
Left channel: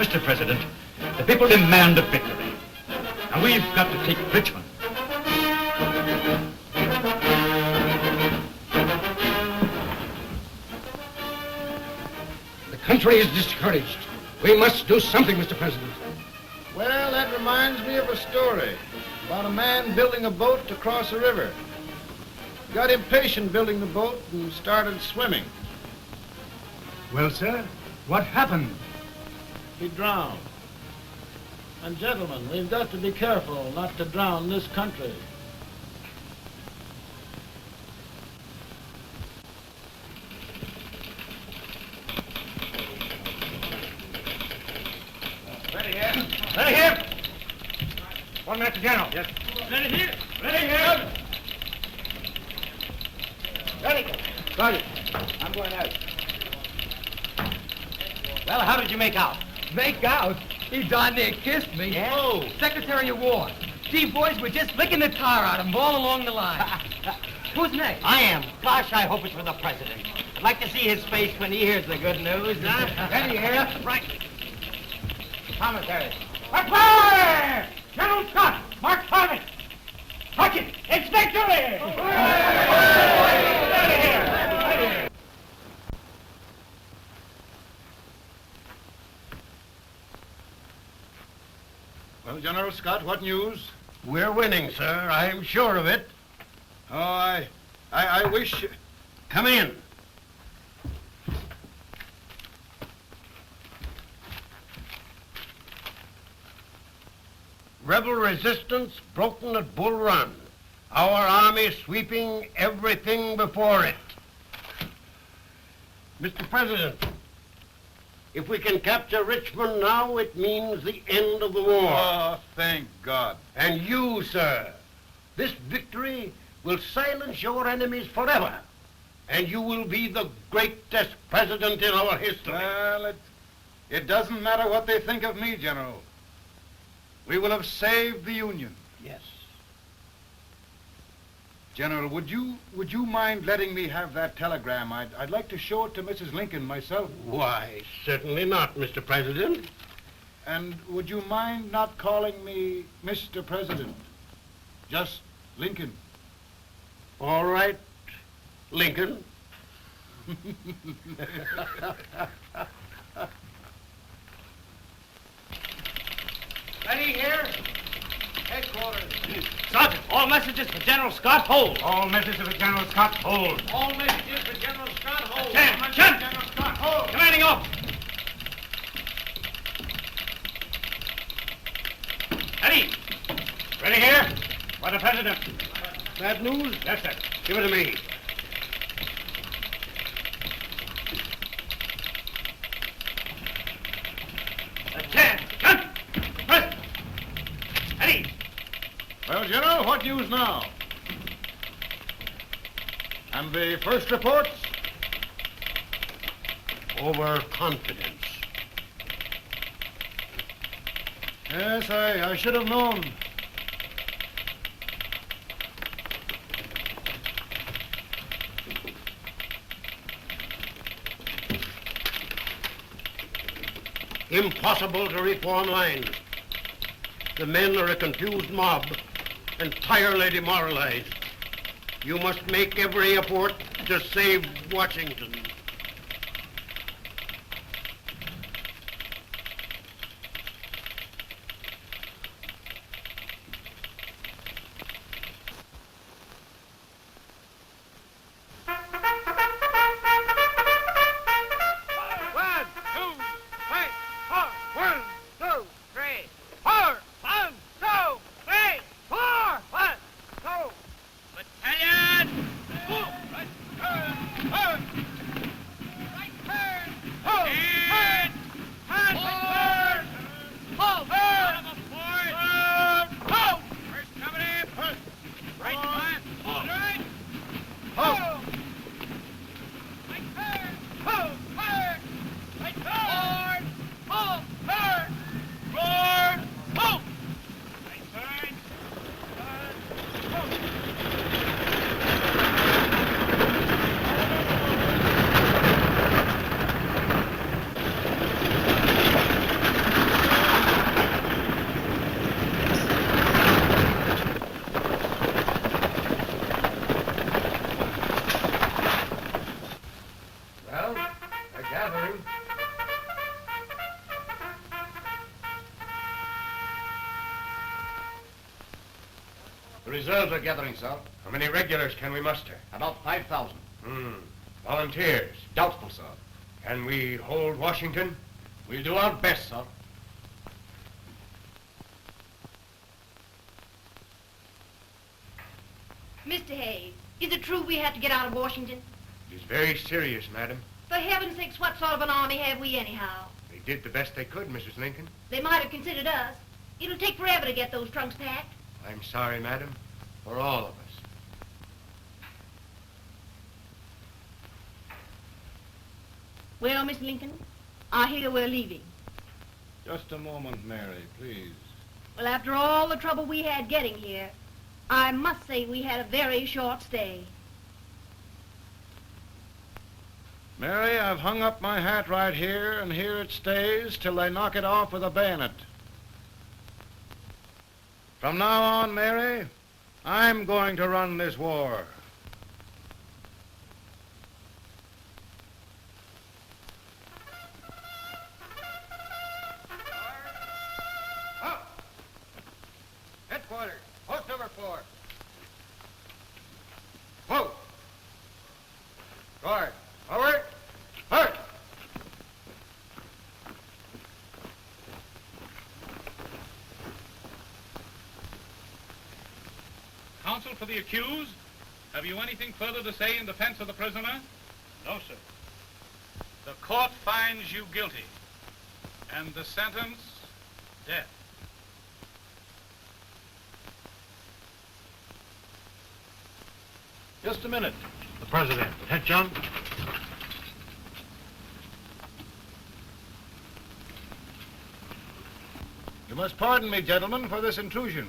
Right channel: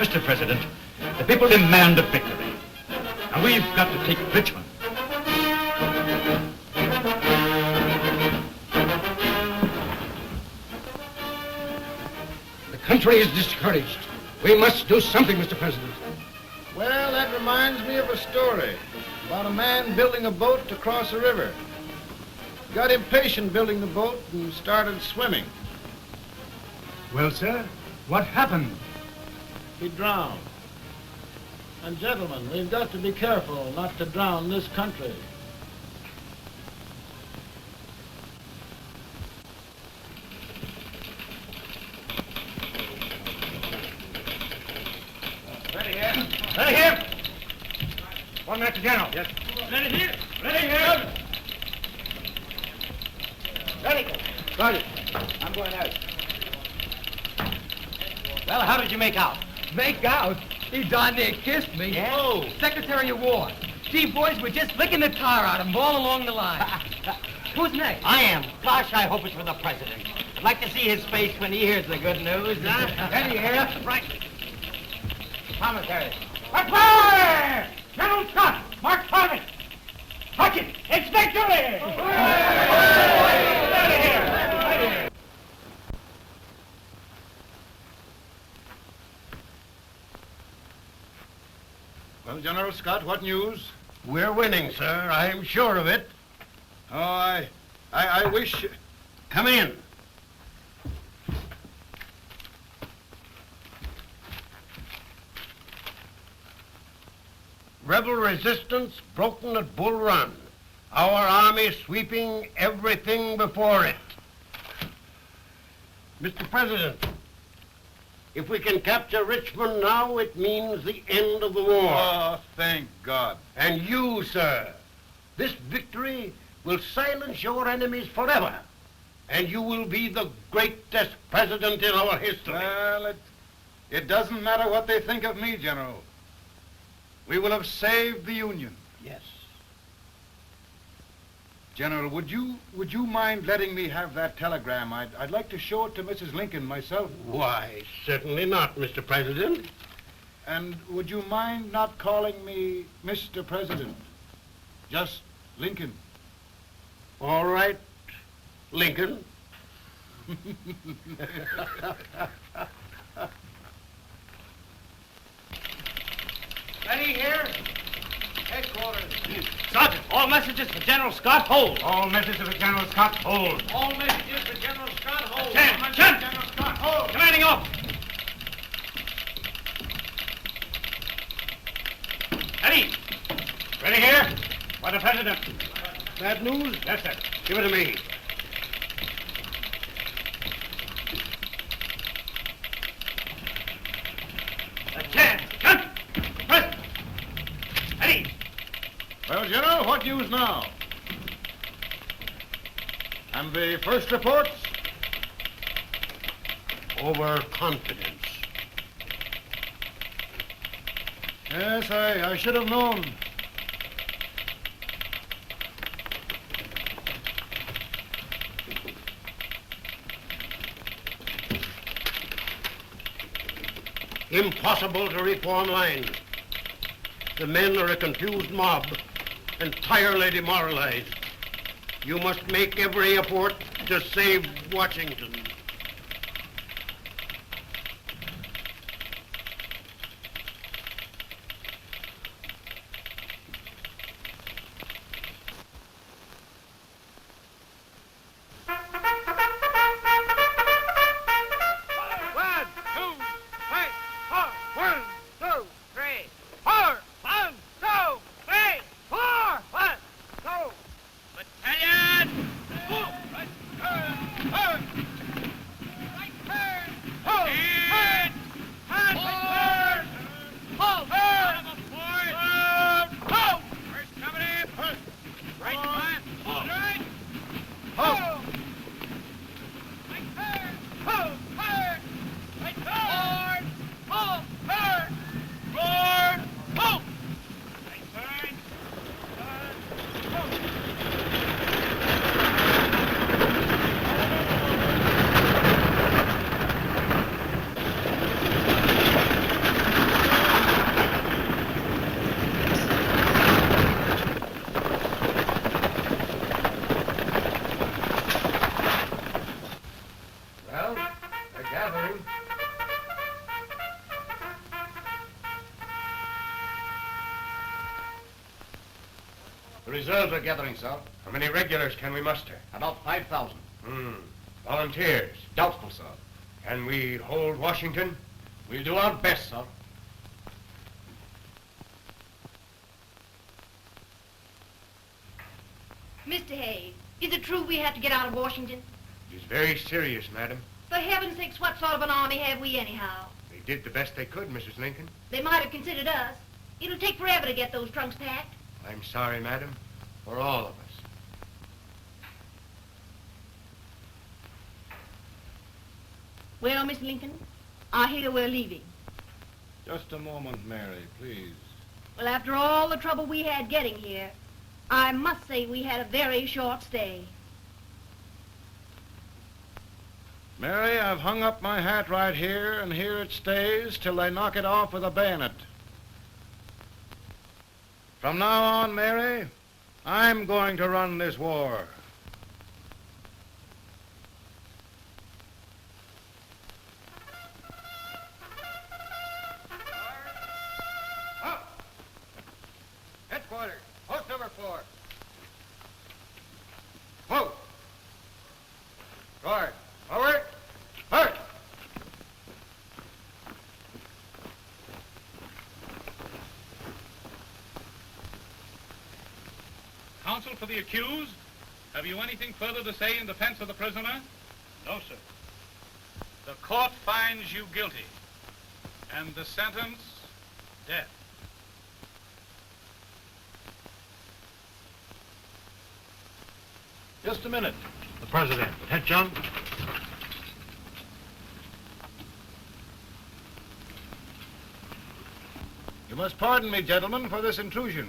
Mr. President, the people demand a victory. And we've got to take Richmond. The country is discouraged. We must do something, Mr. President. Well, that reminds me of a story about a man building a boat to cross a river. He got impatient building the boat and started swimming. Well, sir, what happened? He drowned. And gentlemen, we've got to be careful not to drown this country. Ready here. Ready here. One minute to General. Yes. Ready here. Ready here. Ready. Got it. I'm going out. Well, how did you make out? Make out? He darn near kissed me. Yeah? Oh, Secretary of War. Gee, boys, we're just licking the tar out of him all along the line. Who's next? I am. Gosh, I hope it's for the President. I'd like to see his face when he hears the good news. Ready here. Right. Commissary. Fire! General Scott, march target. March it. It's victory! Well, General Scott, what news? We're winning, sir. I'm sure of it. Oh, I wish... Come in. Rebel resistance broken at Bull Run. Our army sweeping everything before it. Mr. President, if we can capture Richmond now, it means the end of the war. Oh, thank God. And you, sir, this victory will silence your enemies forever. And you will be the greatest president in our history. Well, it doesn't matter what they think of me, General. We will have saved the Union. Yes. General, would you mind letting me have that telegram? I'd like to show it to Mrs. Lincoln myself. Why, certainly not, Mr. President. And would you mind not calling me Mr. President? Just Lincoln. All right, Lincoln. Ready here. Headquarters. Sergeant, all messages for General Scott, hold. All messages for General Scott, hold. All messages for General Scott, hold. General Scott, hold. Commanding off. Ready. Ready here. For the President. Bad news? Yes, sir. Give it to me. Well, General, what news now? And the first reports? Overconfidence. Yes, I should have known. Impossible to reform lines. The men are a confused mob, entirely demoralized. You must make every effort to save Washington. The reserves are gathering, sir. How many regulars can we muster? About 5,000. Volunteers? Doubtful, sir. Can we hold Washington? We'll do our best, sir. Mr. Hayes, is it true we have to get out of Washington? It's very serious, madam. For heaven's sakes, what sort of an army have we anyhow? They did the best they could, Mrs. Lincoln. They might have considered us. It'll take forever to get those trunks packed. I'm sorry, madam, for all of us. Well, Miss Lincoln, I hear we're leaving. Just a moment, Mary, please. Well, after all the trouble we had getting here, I must say we had a very short stay. Mary, I've hung up my hat right here, and here it stays till they knock it off with a bayonet. From now on, Mary, I'm going to run this war. Headquarters, post number 4. Whoa! Guard, forward, march! Counsel for the accused, have you anything further to say in defense of the prisoner? No, sir. The court finds you guilty, and the sentence, death. Just a minute. The president. Head, John. You must pardon me, gentlemen, for this intrusion.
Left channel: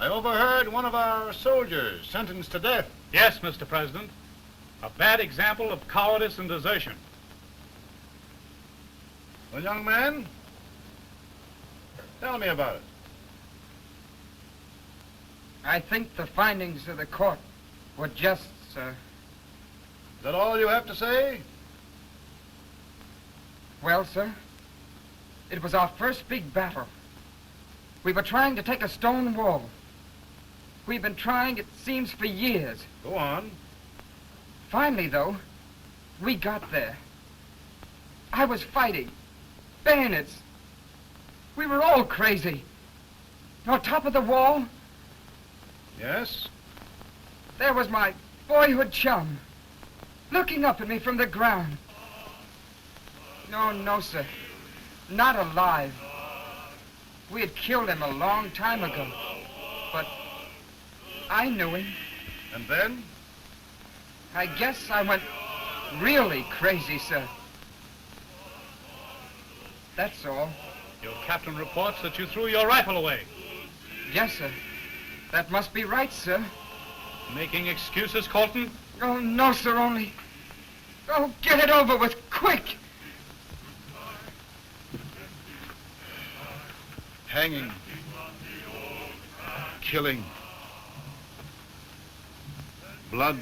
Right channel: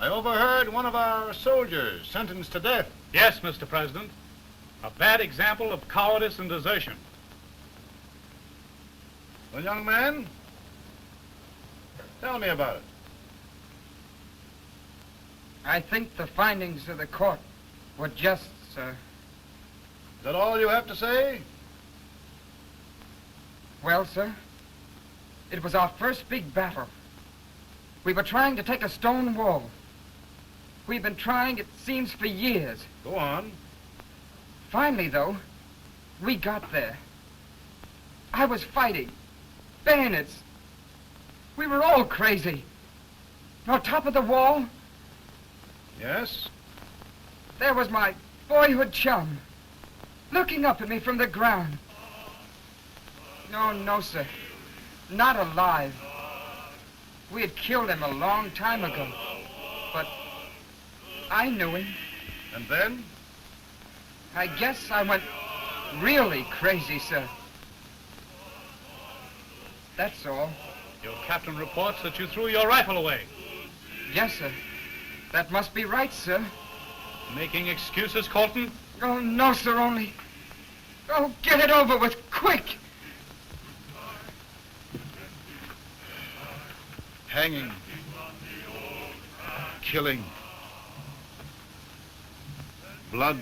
I overheard one of our soldiers sentenced to death. Yes, Mr. President. A bad example of cowardice and desertion. Well, young man, tell me about it. I think the findings of the court were just, sir. Is that all you have to say? Well, sir, it was our first big battle. We were trying to take a stone wall. We've been trying, it seems, for years. Go on. Finally, though, we got there. I was fighting. Bayonets. We were all crazy. On top of the wall, Yes? there was my boyhood chum, looking up at me from the ground. No, sir. Not alive. We had killed him a long time ago. But I knew him. And then? I guess I went really crazy, sir. That's all. Your captain reports that you threw your rifle away. Yes, sir. That must be right, sir. Making excuses, Colton? Oh, no, sir, only... Oh, get it over with, quick! Hanging. Killing. Blood.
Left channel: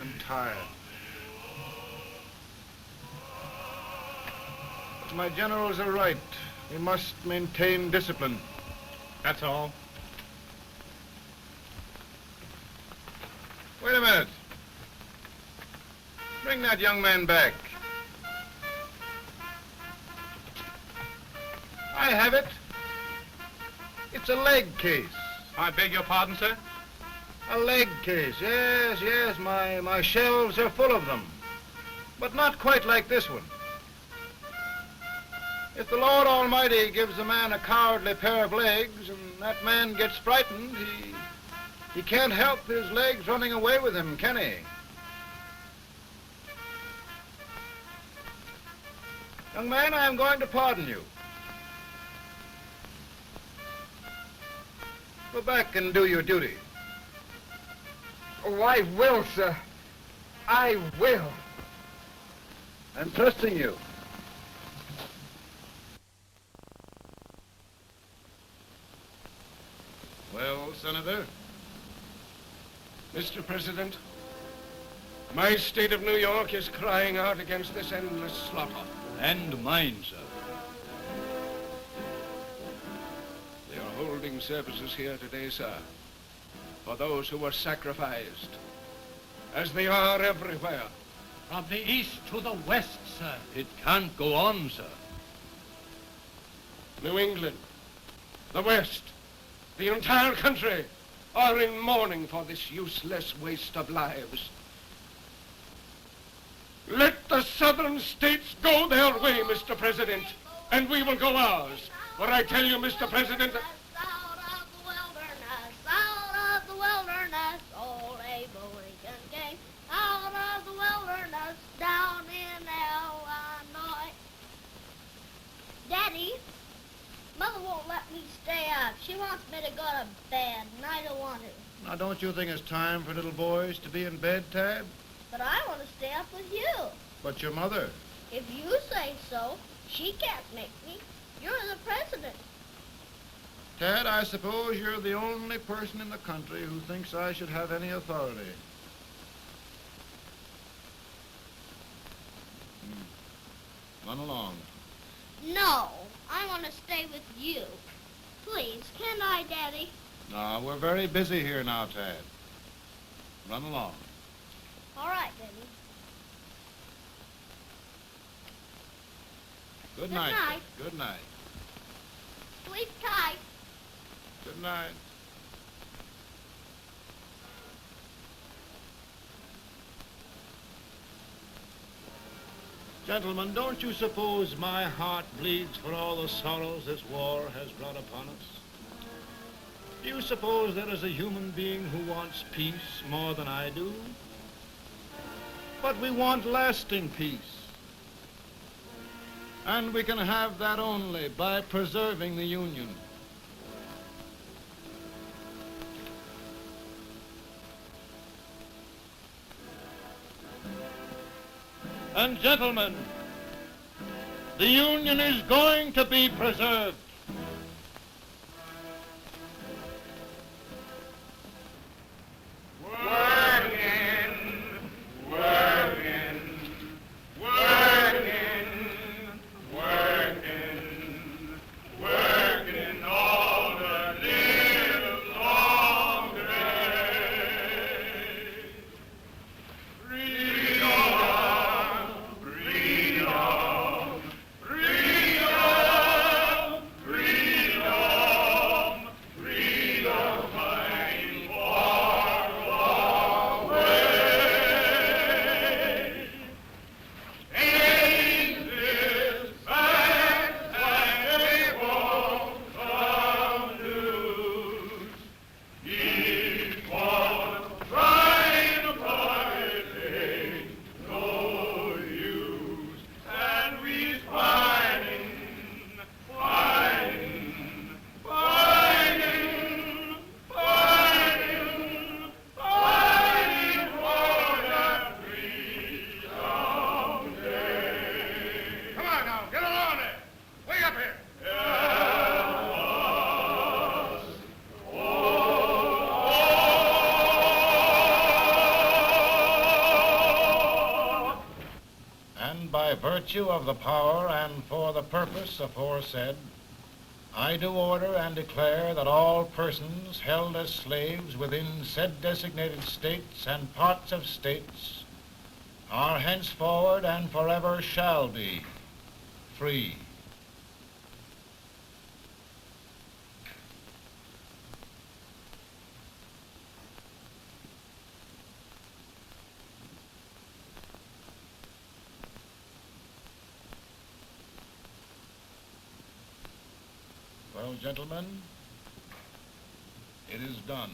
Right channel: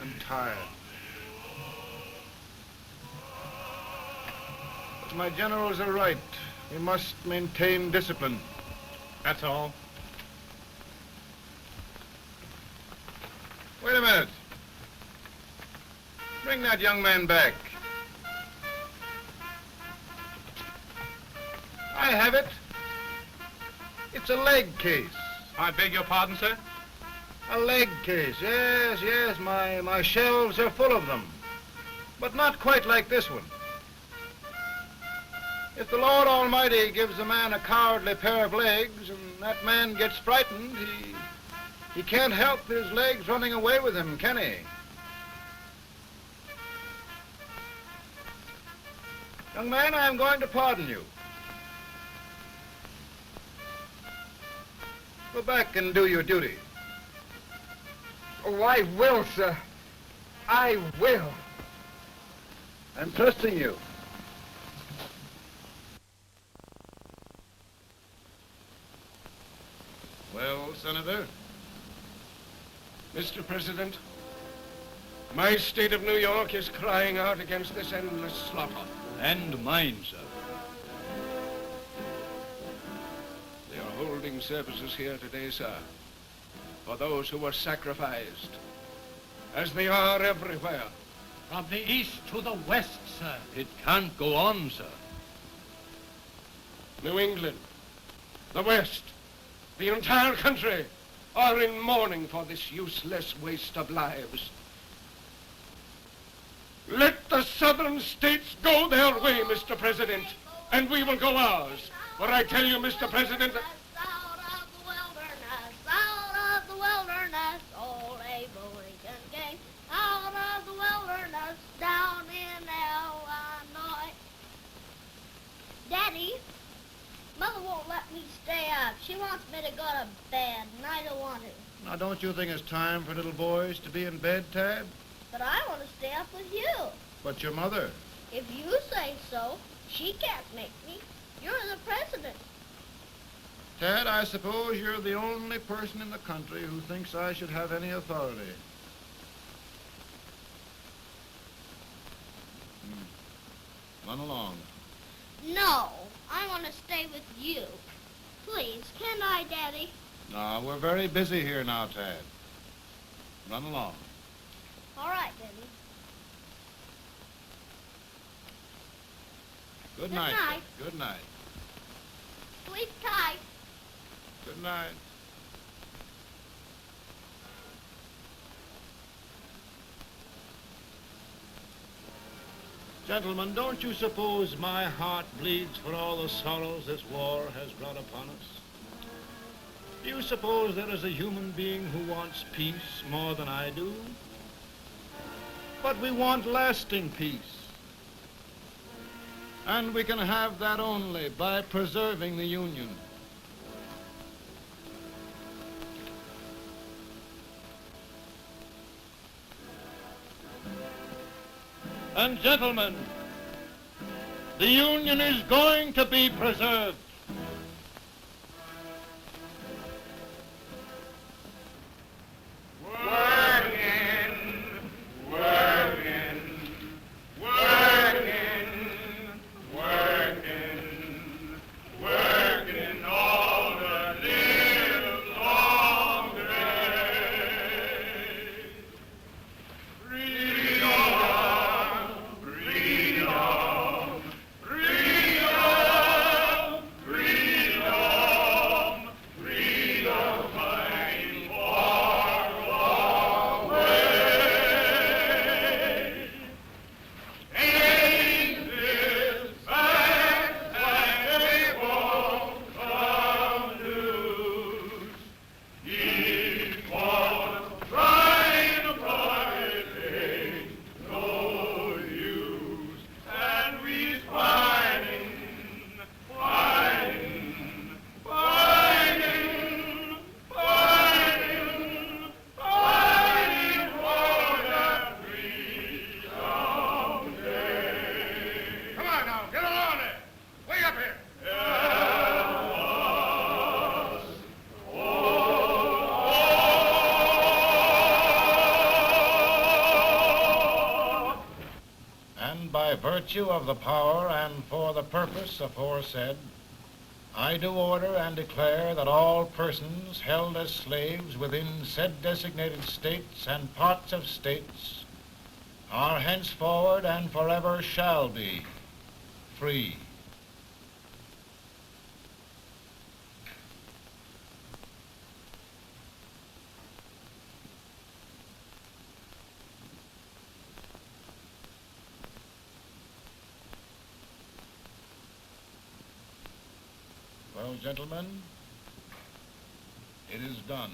I'm tired. But my generals are right. We must maintain discipline. That's all. Wait a minute. Bring that young man back. I have it. It's a leg case. I beg your pardon, sir? A leg case, yes. My shelves are full of them. But not quite like this one. If the Lord Almighty gives a man a cowardly pair of legs and that man gets frightened, he can't help his legs running away with him, can he? Young man, I am going to pardon you. Go back and do your duty. Oh, I will, sir. I will. I'm trusting you. Well, Senator? Mr. President, My state of New York is crying out against this endless slaughter. And mine, sir. They are holding services here today, sir, for those who were sacrificed, as they are everywhere. From the east to the west, sir. It can't go on, sir. New England, the West, the entire country are in mourning for this useless waste of lives. Let the southern states go their way, Mr. President, and we will go ours. But I tell you, Mr. President, Out of the wilderness, old Abraham Lincoln came. Out of the wilderness, down in Illinois. Daddy, Mother won't let me stay up. She wants me to go to bed, and I don't want to. Now, don't you think it's time for little boys to be in bed, Tad? But I want to stay up with you. But your mother. If you say so, she can't make me. You're the president. Tad, I suppose you're the only person in the country who thinks I should have any authority. Run along. No, I want to stay with you. Please, can I, Daddy? No, we're very busy here now, Tad. Run along. All right, Daddy. Good night. Good night. Good night. Sleep tight. Good night. Gentlemen, don't you suppose my heart bleeds for all the sorrows this war has brought upon us? Do you suppose there is a human being who wants peace more than I do? But we want lasting peace. And we can have that only by preserving the Union. And gentlemen, the Union is going to be preserved. Working, working, working, working, working all the live long day. Freedom, freedom, freedom, freedom, freedom, fighting for the way. Ages back and they won't come loose. Equal trying to fight ain't no use. And we's fighting, fighting, fighting, fighting, fighting for that freedom day. Come on now, get along there. Way up here. And by virtue of the power and for the purpose aforesaid, I do order and declare that all persons held as slaves within said designated states and parts of states are henceforward and forever shall be free. Well, gentlemen, it is done.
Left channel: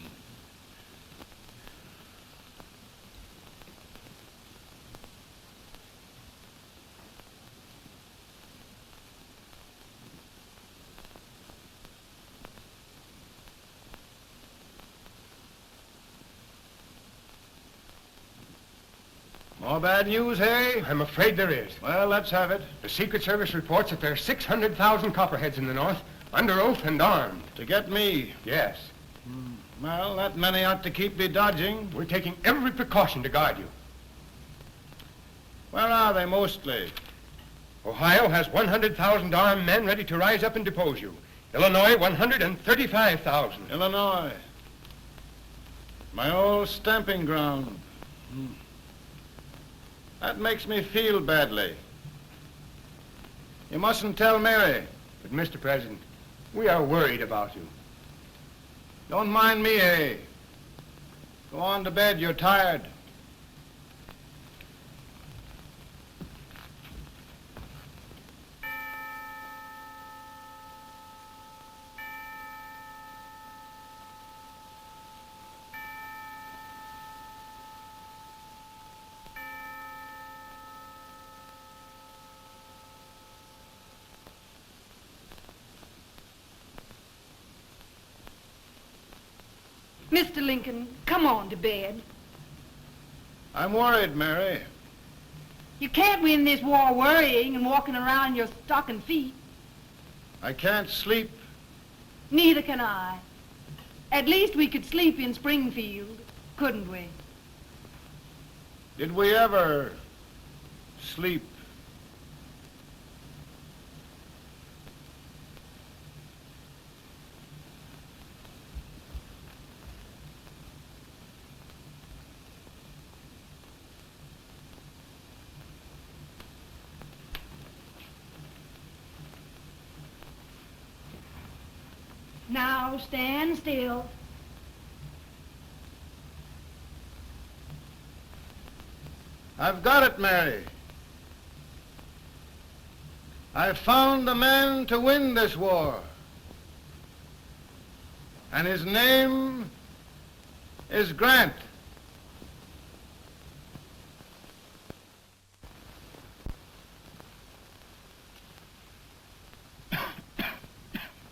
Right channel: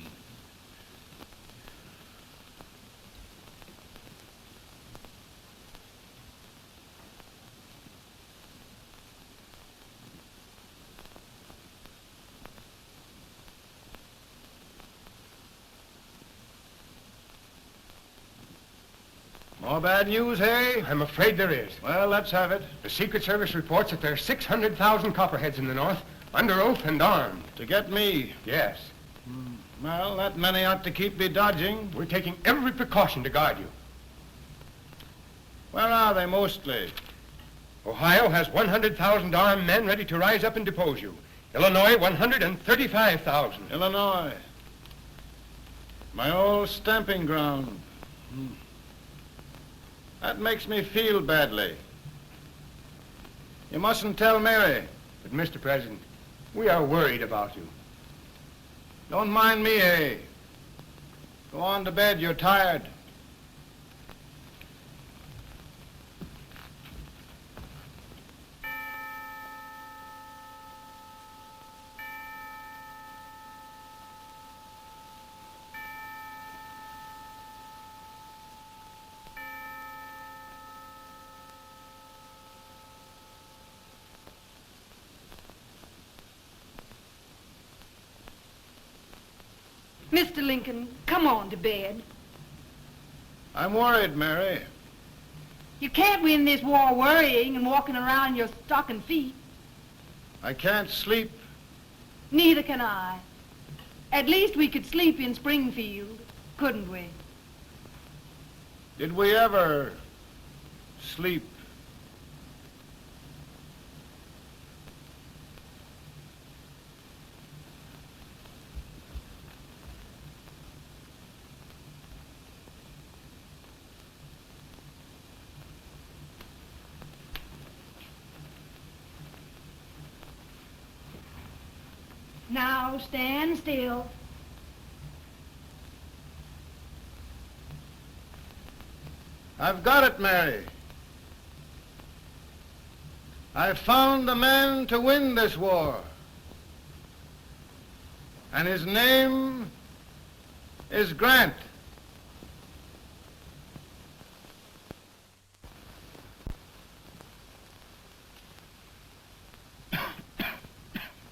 More bad news, eh? I'm afraid there is. Well, let's have it. The Secret Service reports that there are 600,000 Copperheads in the North, under oath and armed. To get me? Yes. Well, that many ought to keep me dodging. We're taking every precaution to guard you. Where are they mostly? Ohio has 100,000 armed men ready to rise up and depose you. Illinois, 135,000. Illinois. My old stamping ground. That makes me feel badly. You mustn't tell Mary. But, Mr. President, we are worried about you. Don't mind me, eh? Go on to bed, you're tired. Mr. Lincoln, come on to bed. I'm worried, Mary. You can't win this war worrying and walking around in your stocking feet. I can't sleep. Neither can I. At least we could sleep in Springfield, couldn't we? Did we ever sleep? Now stand still. I've got it, Mary. I've found the man to win this war. And his name is Grant.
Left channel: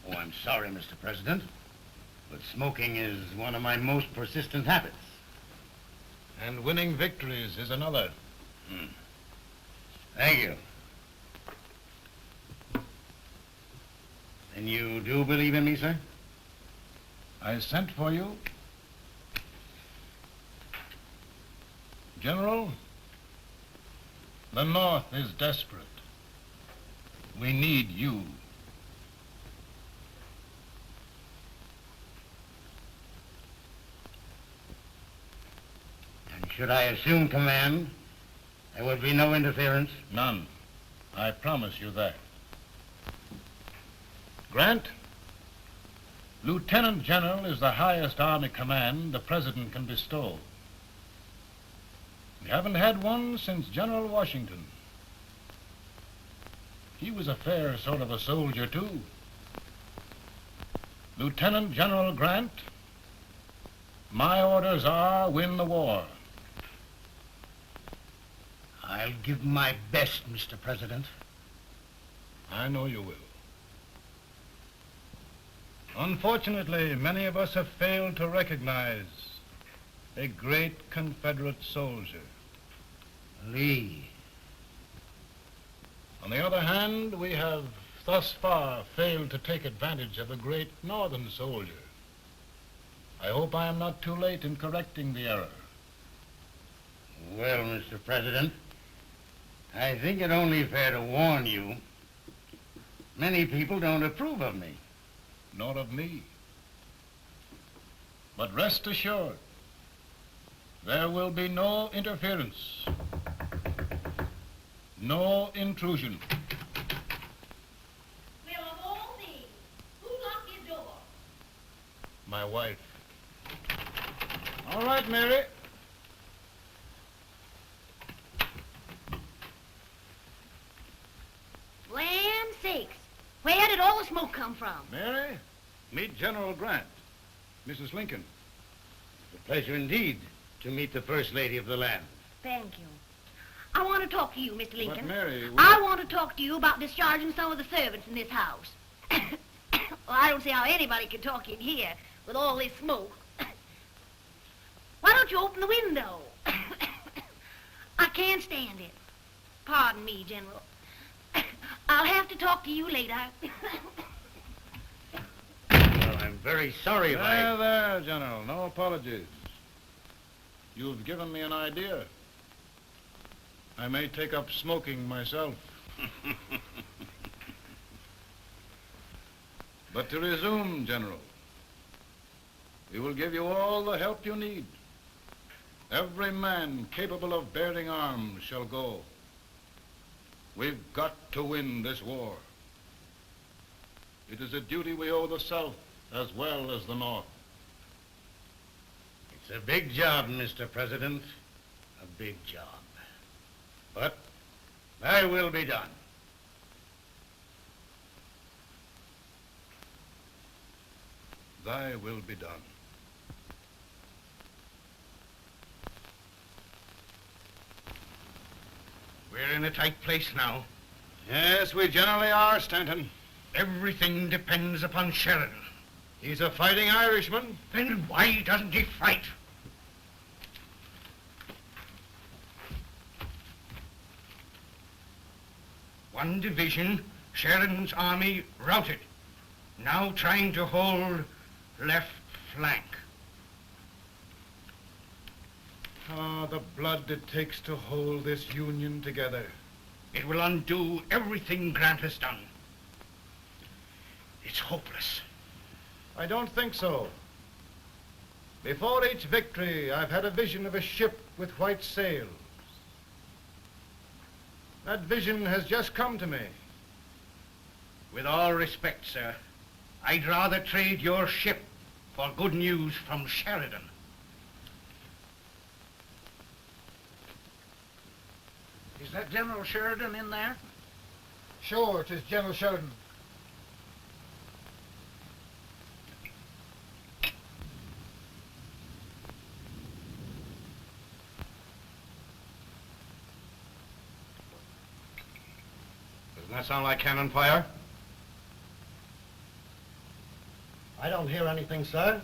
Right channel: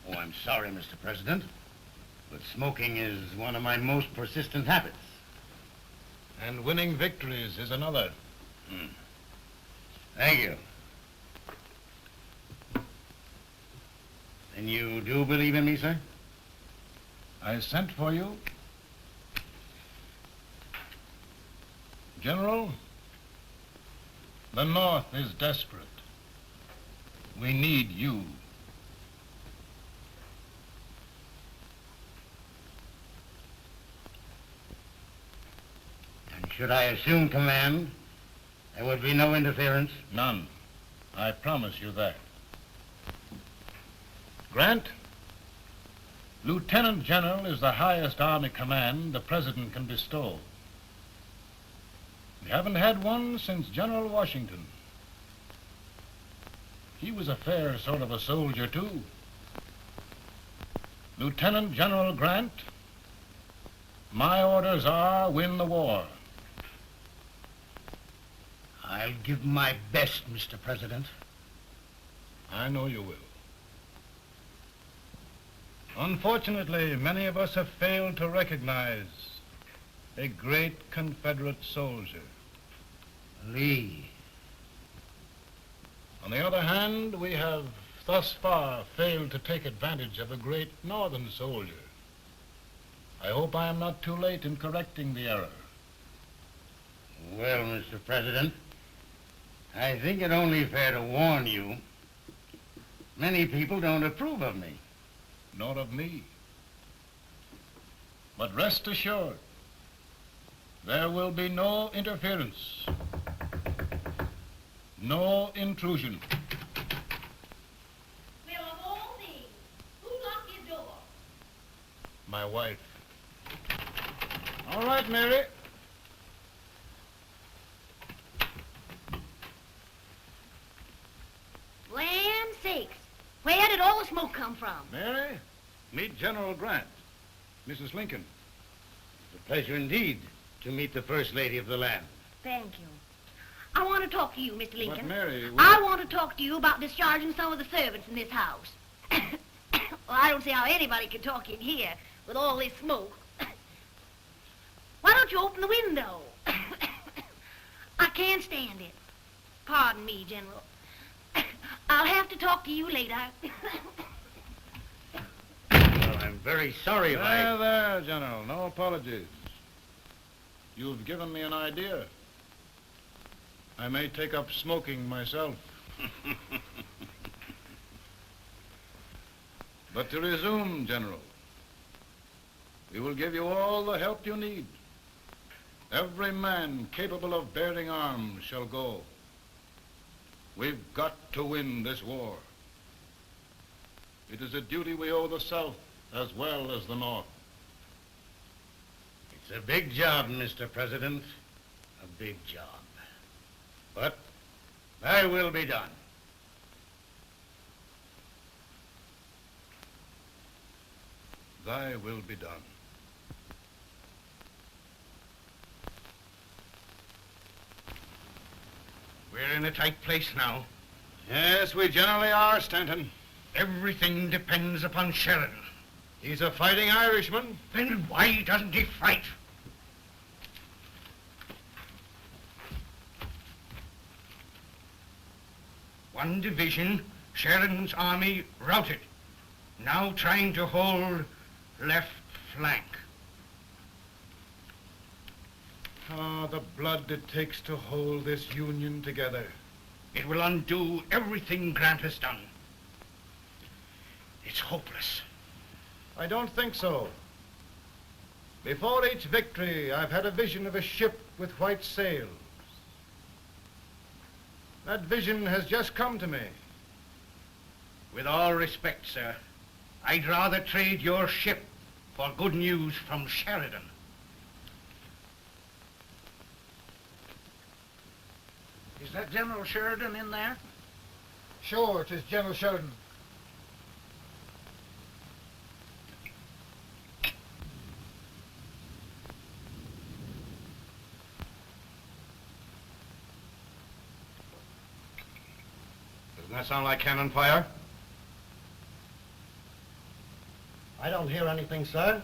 Oh, I'm sorry, Mr. President, but smoking is one of my most persistent habits. And winning victories is another. Thank you. And you do believe in me, sir? I sent for you. General, the North is desperate. We need you. And should I assume command, there would be no interference? None. I promise you that. Grant, Lieutenant General is the highest army command the President can bestow. We haven't had one since General Washington. He was a fair sort of a soldier, too. Lieutenant General Grant, my orders are win the war. I'll give my best, Mr. President. I know you will. Unfortunately, many of us have failed to recognize a great Confederate soldier, Lee. On the other hand, we have thus far failed to take advantage of a great Northern soldier. I hope I am not too late in correcting the error. Well, Mr. President, I think it only fair to warn you. Many people don't approve of me. Nor of me. But rest assured, there will be no interference, no intrusion. Well, of all things, who locked your door? My wife. All right, Mary. Land sakes, where did all the smoke come from? Mary, meet General Grant, Mrs. Lincoln. It's a pleasure indeed to meet the First Lady of the land. Thank you. I want to talk to you, Mr. Lincoln. But Mary, I want to talk to you about discharging some of the servants in this house. Well, I don't see how anybody can talk in here with all this smoke. Why don't you open the window? I can't stand it. Pardon me, General. I'll have to talk to you later. Well, I'm very sorry if There, General. No apologies. You've given me an idea. I may take up smoking myself. But to resume, General, we will give you all the help you need. Every man capable of bearing arms shall go. We've got to win this war. It is a duty we owe the South as well as the North. It's a big job, Mr. President. A big job. But thy will be done. Thy will be done. We're in a tight place now. Yes, we generally are, Stanton. Everything depends upon Sheridan. He's a fighting Irishman. Then why doesn't he fight? One division, Sheridan's army, routed. Now trying to hold left flank. Ah, the blood it takes to hold this Union together. It will undo everything Grant has done. It's hopeless. I don't think so. Before each victory, I've had a vision of a ship with white sails. That vision has just come to me. With all respect, sir, I'd rather trade your ship for good news from Sheridan. Is that General Sheridan in there? Sure, it is General Sheridan. Doesn't that sound like cannon fire? I don't hear anything, sir.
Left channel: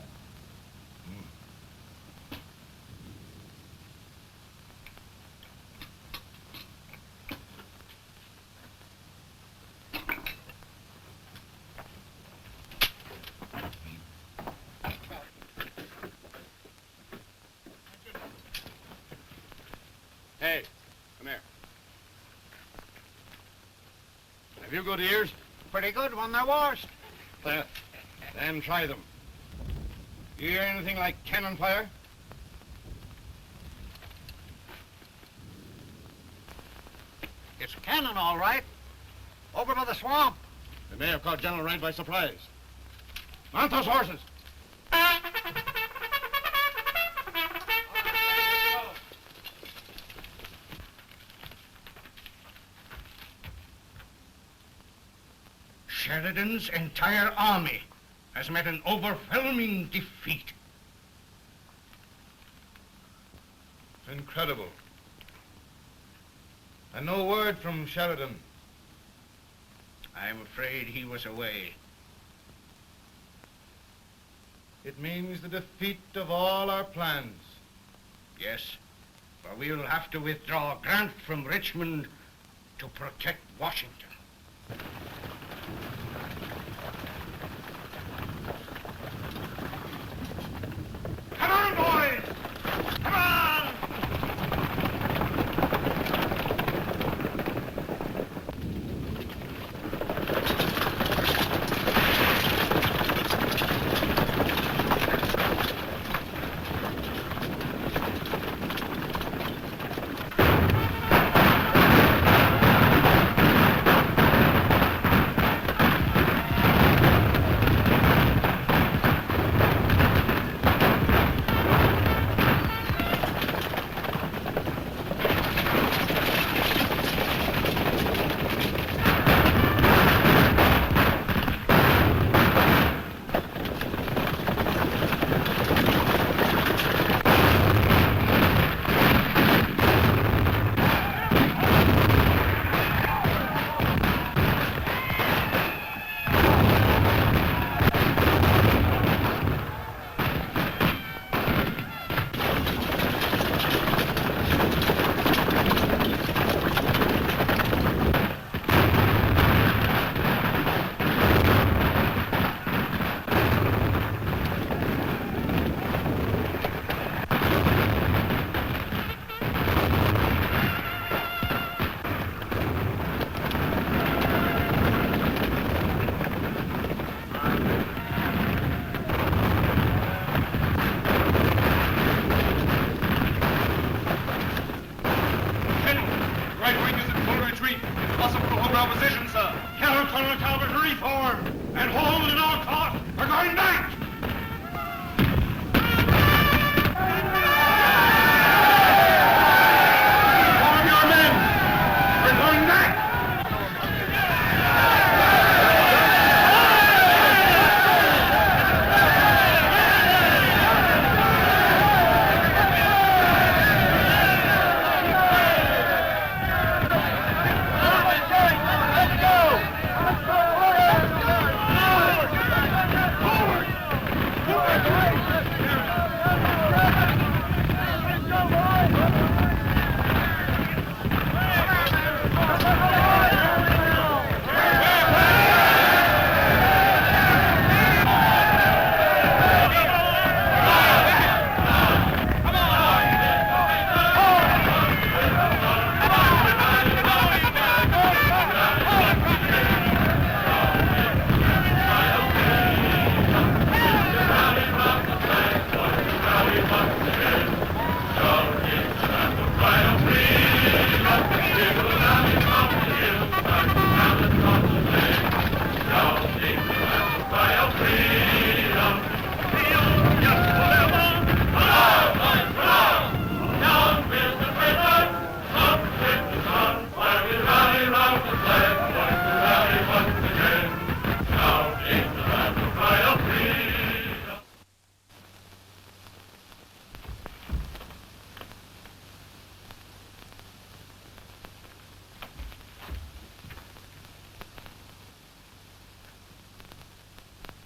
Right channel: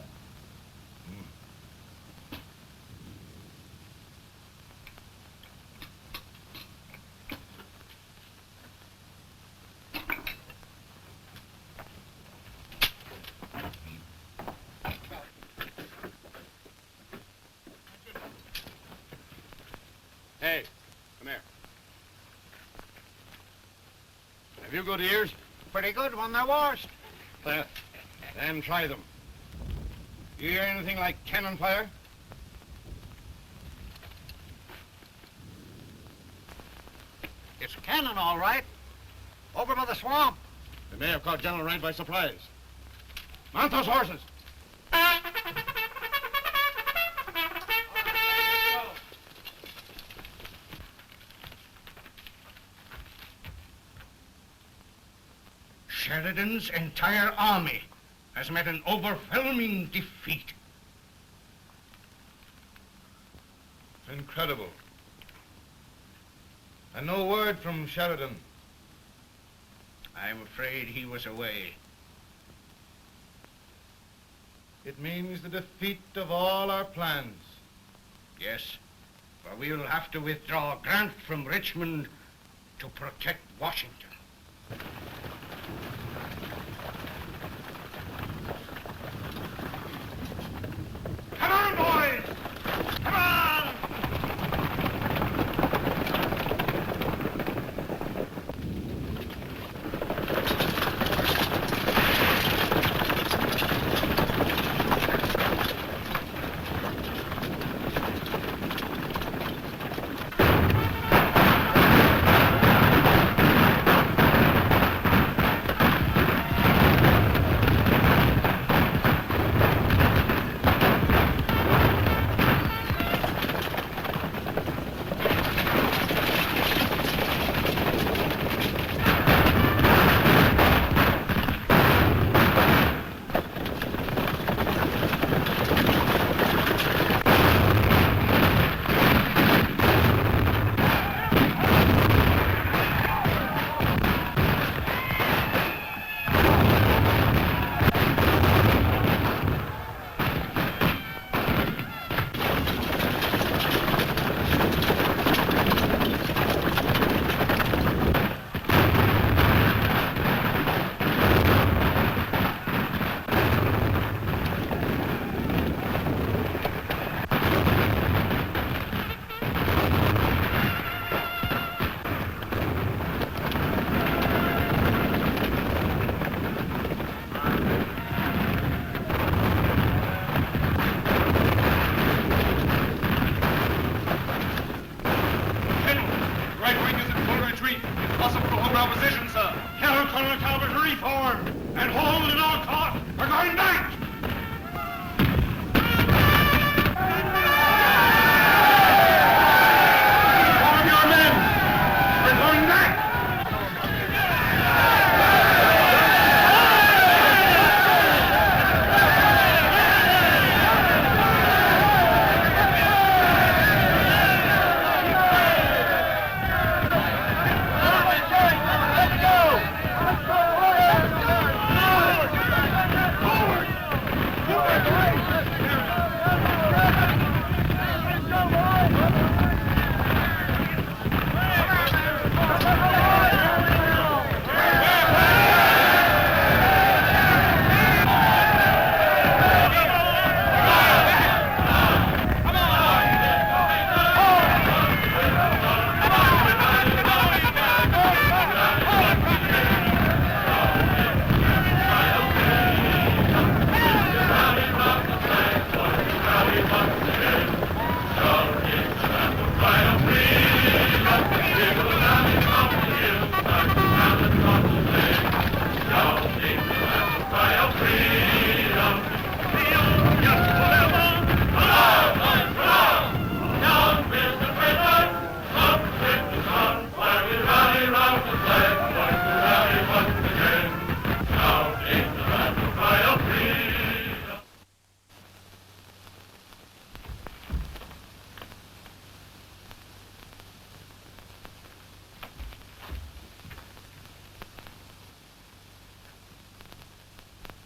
Hey, come here. Have you good ears? Pretty good when they're washed. Then try them. You hear anything like cannon fire? It's cannon, all right. Over by the swamp. They may have caught General Rank by surprise. Mount those horses. Sheridan's entire army has met an overwhelming defeat. It's incredible. And no word from Sheridan. I'm afraid he was away. It means the defeat of all our plans. Yes, for we'll have to withdraw Grant from Richmond to protect Washington. Come on, boys! Come on!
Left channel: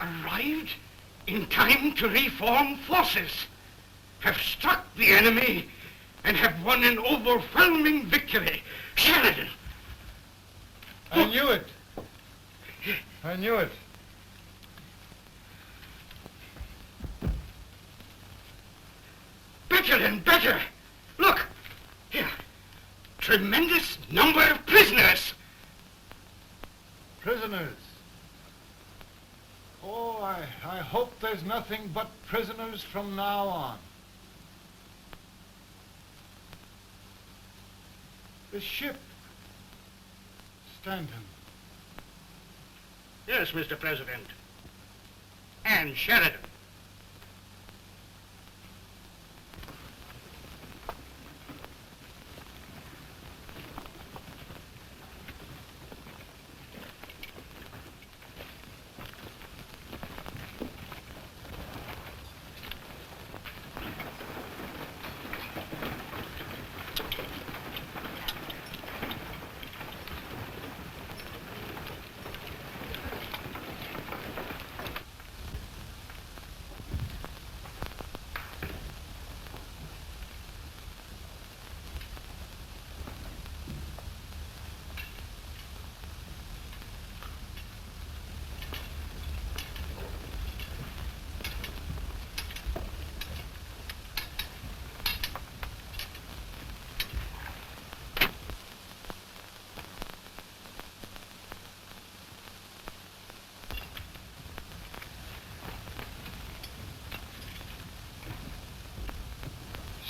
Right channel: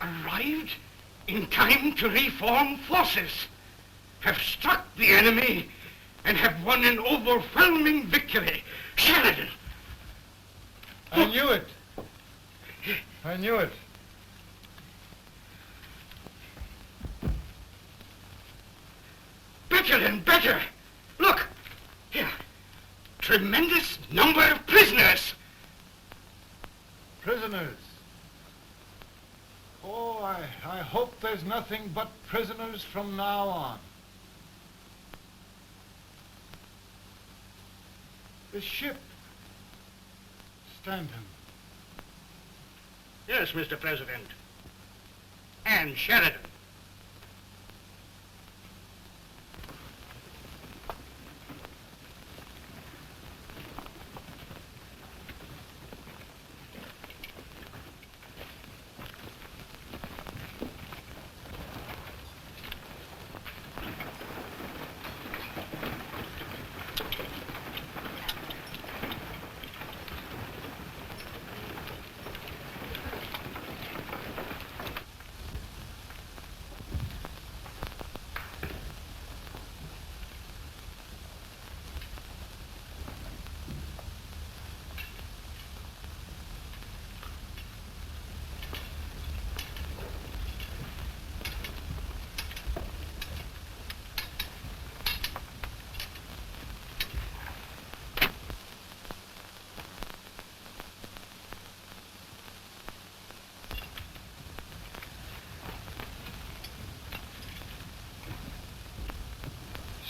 Arrived in time to reform forces, have struck the enemy, and have won an overwhelming victory. Sheridan! I knew it. I knew it. Better and better. Look, here. Tremendous number of prisoners. Prisoners. Oh, I hope there's nothing but prisoners from now on. The ship. Stanton. Yes, Mr. President. Ann Sheridan.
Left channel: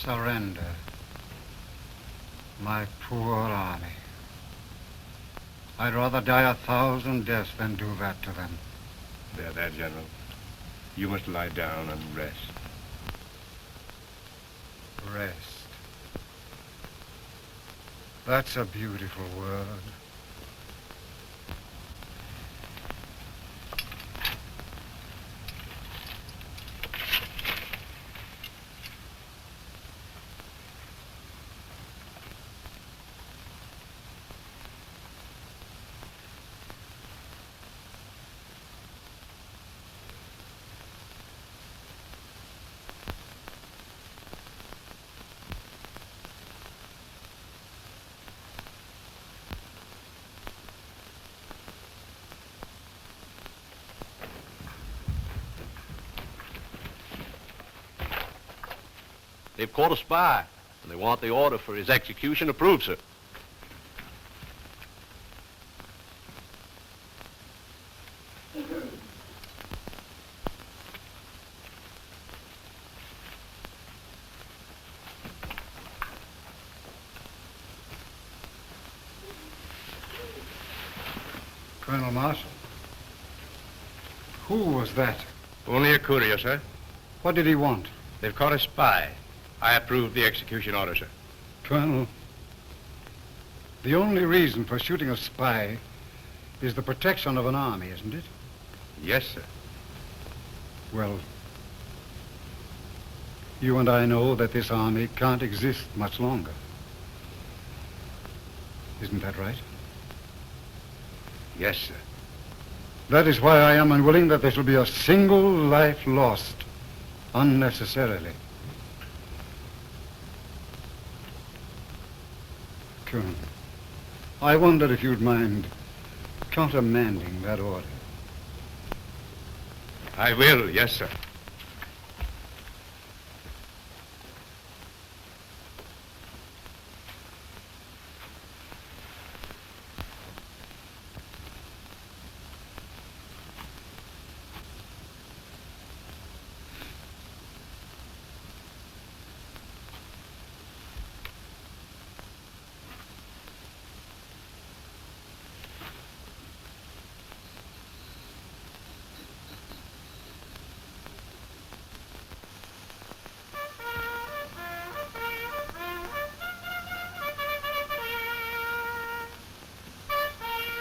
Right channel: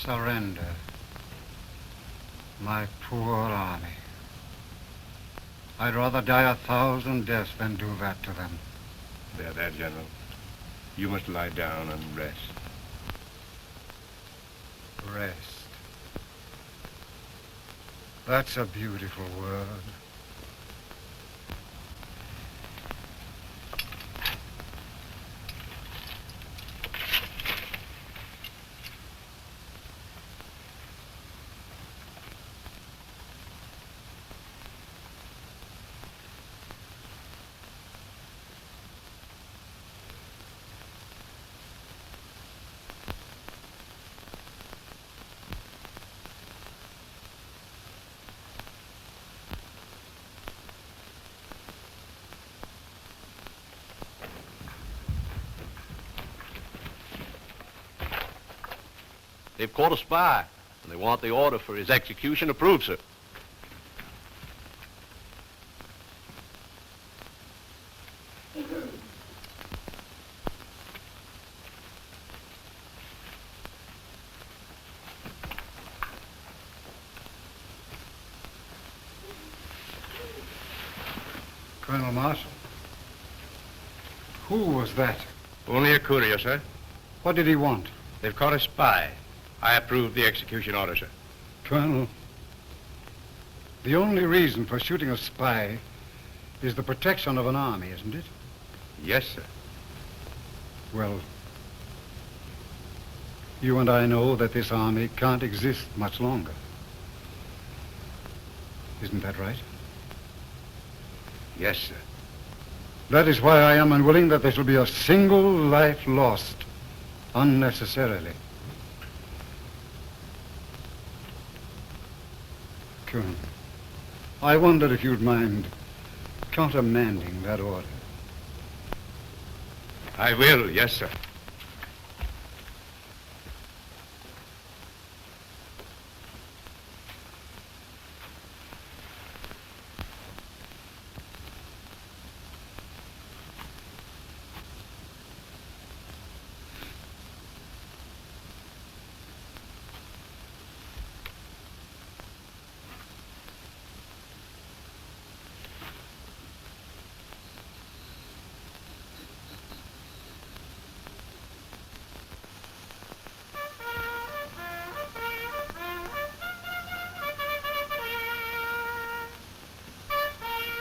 Surrender. My poor army. I'd rather die 1,000 deaths than do that to them. There, General. You must lie down and rest. Rest. That's a beautiful word. They've caught a spy, and they want the order for his execution approved, sir. Colonel Marshall. Who was that? Only a courier, sir. What did he want? They've caught a spy. I approve the execution order, sir. Colonel, the only reason for shooting a spy is the protection of an army, isn't it? Yes, sir. Well, you and I know that this army can't exist much longer. Isn't that right? Yes, sir. That is why I am unwilling that there shall be a single life lost unnecessarily. Colonel, I wonder if you'd mind countermanding that order. I will, yes, sir.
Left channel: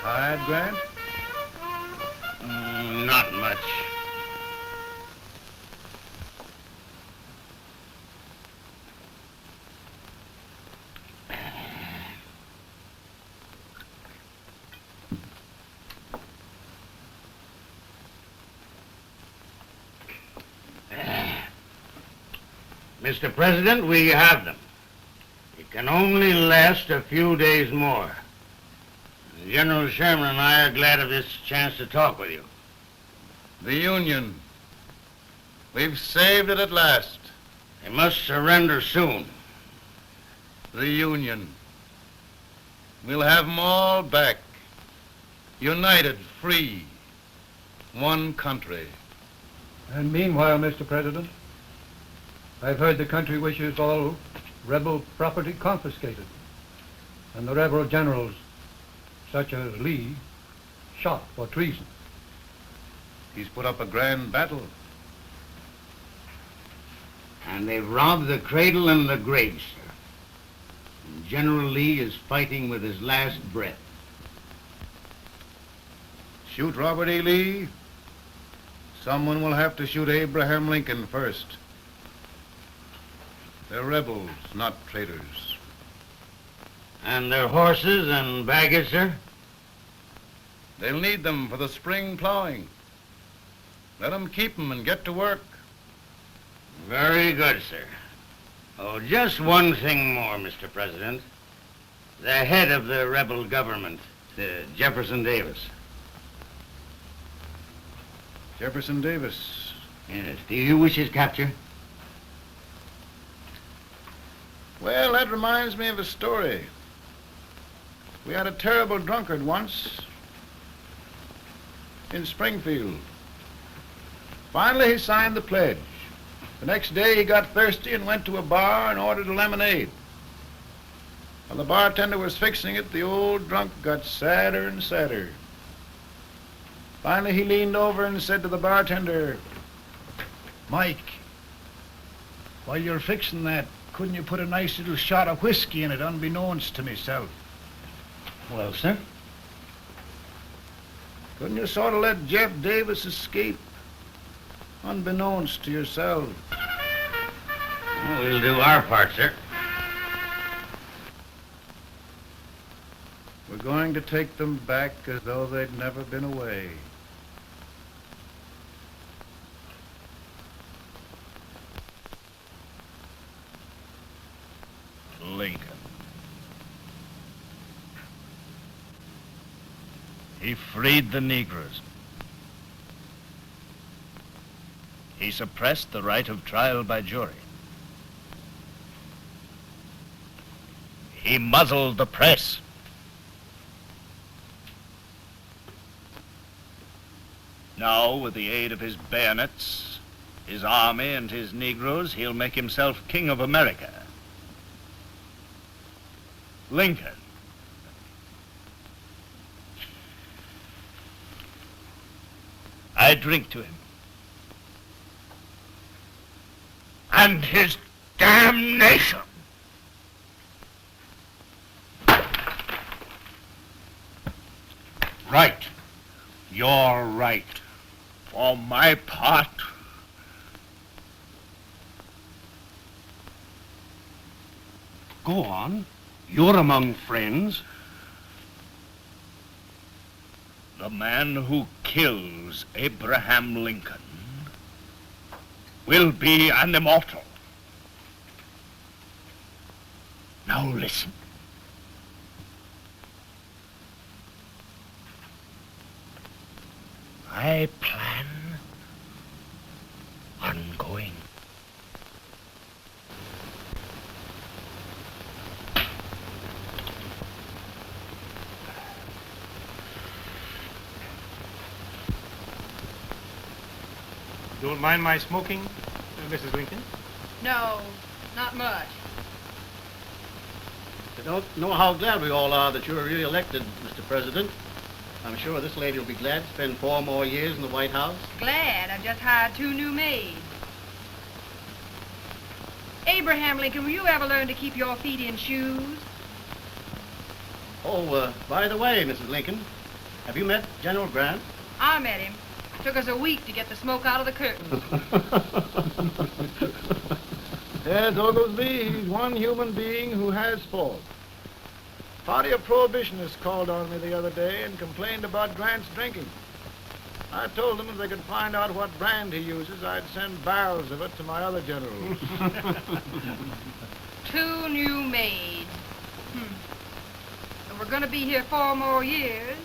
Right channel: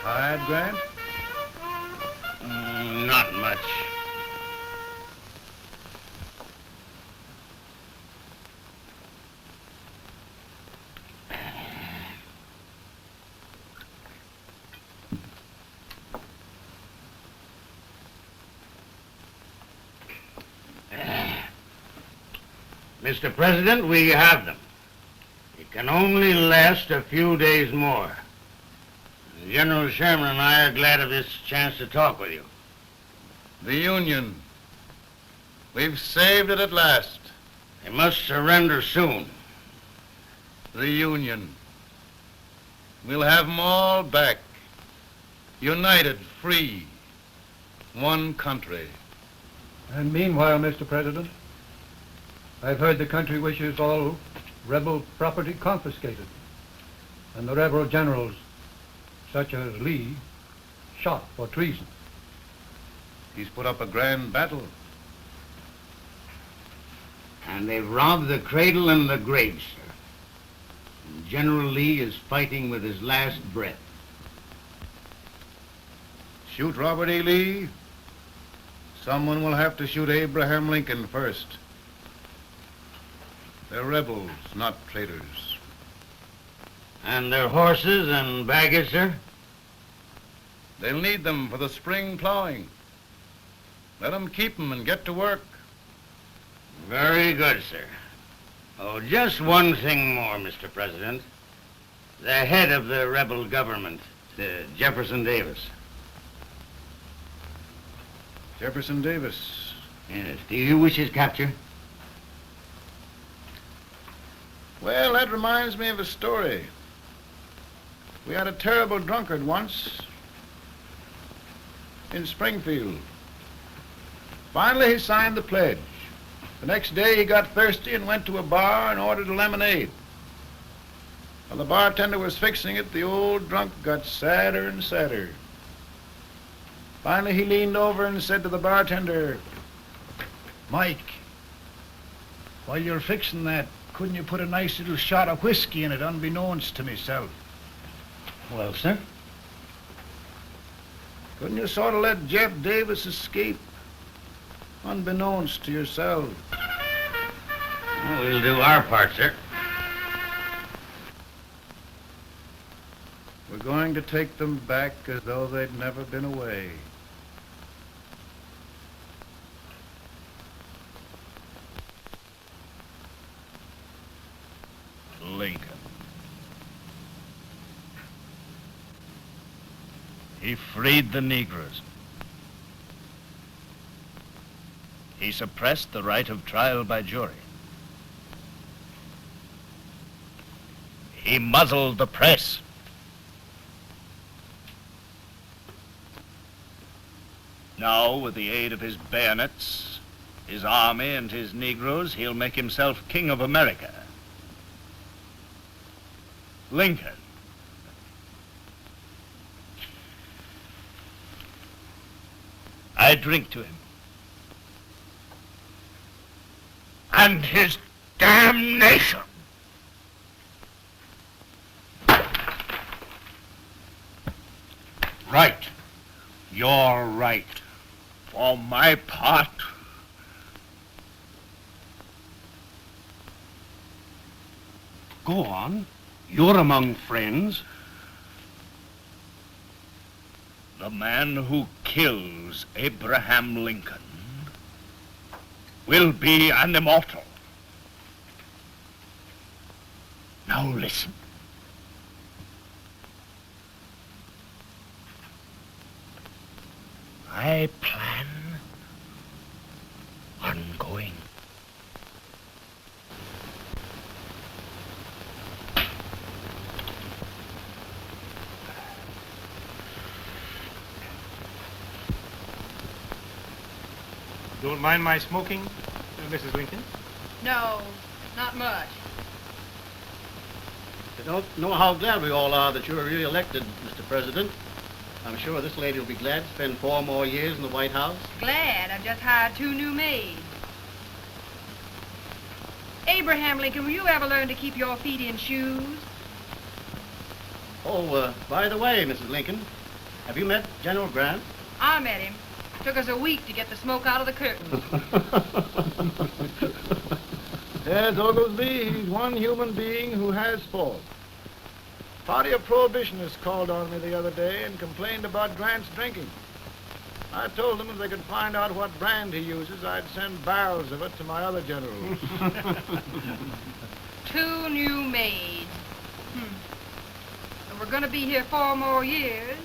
Tired, Grant? Not much. Mr. President, we have them. It can only last a few days more. General Sherman and I are glad of this chance to talk with you. The Union. We've saved it at last. They must surrender soon. The Union. We'll have them all back. United, free. One country. And meanwhile, Mr. President, I've heard the country wishes all rebel property confiscated, and the rebel generals, such as Lee, shot for treason. He's put up a grand battle. And they've robbed the cradle and the grave, sir. And General Lee is fighting with his last breath. Shoot Robert E. Lee? Someone will have to shoot Abraham Lincoln first. They're rebels, not traitors. And their horses and baggage, sir? They'll need them for the spring plowing. Let them keep them and get to work. Very good, sir. Oh, just one thing more, Mr. President. The head of the rebel government, Jefferson Davis. Jefferson Davis. Yes. Do you wish his capture? Well, that reminds me of a story. We had a terrible drunkard once in Springfield. Finally, he signed the pledge. The next day, he got thirsty and went to a bar and ordered a lemonade. While the bartender was fixing it, the old drunk got sadder and sadder. Finally, he leaned over and said to the bartender, "Mike, while you're fixing that, couldn't you put a nice little shot of whiskey in it, unbeknownst to myself?" Well, sir? Couldn't you sort of let Jeff Davis escape, unbeknownst to yourself? Well, we'll do our part, sir. We're going to take them back as though they'd never been away. Lincoln. He freed the Negroes. He suppressed the right of trial by jury. He muzzled the press. Now, with the aid of his bayonets, his army, and his Negroes, he'll make himself king of America. Lincoln. I drink to him. And his damnation. Right. You're right. For my part, go on. You're among friends. The man who kills Abraham Lincoln will be an immortal. Now listen. my plan ongoing. Don't mind my smoking, Mrs. Lincoln? No, not much. I don't know how glad we all are that you're re-elected, Mr. President. I'm sure this lady will be glad to spend 4 more years in the White House. Glad. I just hired 2 new maids. Abraham Lincoln, will you ever learn to keep your feet in shoes? Oh, by the way, Mrs. Lincoln, have you met General Grant? I met him. Took us a week to get the smoke out of the curtain. Yes, Oglesby, he's one human being who has faults. A party of prohibitionists called on me the other day and complained about Grant's drinking. I told them if they could find out what brand he uses, I'd send barrels of it to my other generals. 2 new maids. And we're going to be here 4 more years.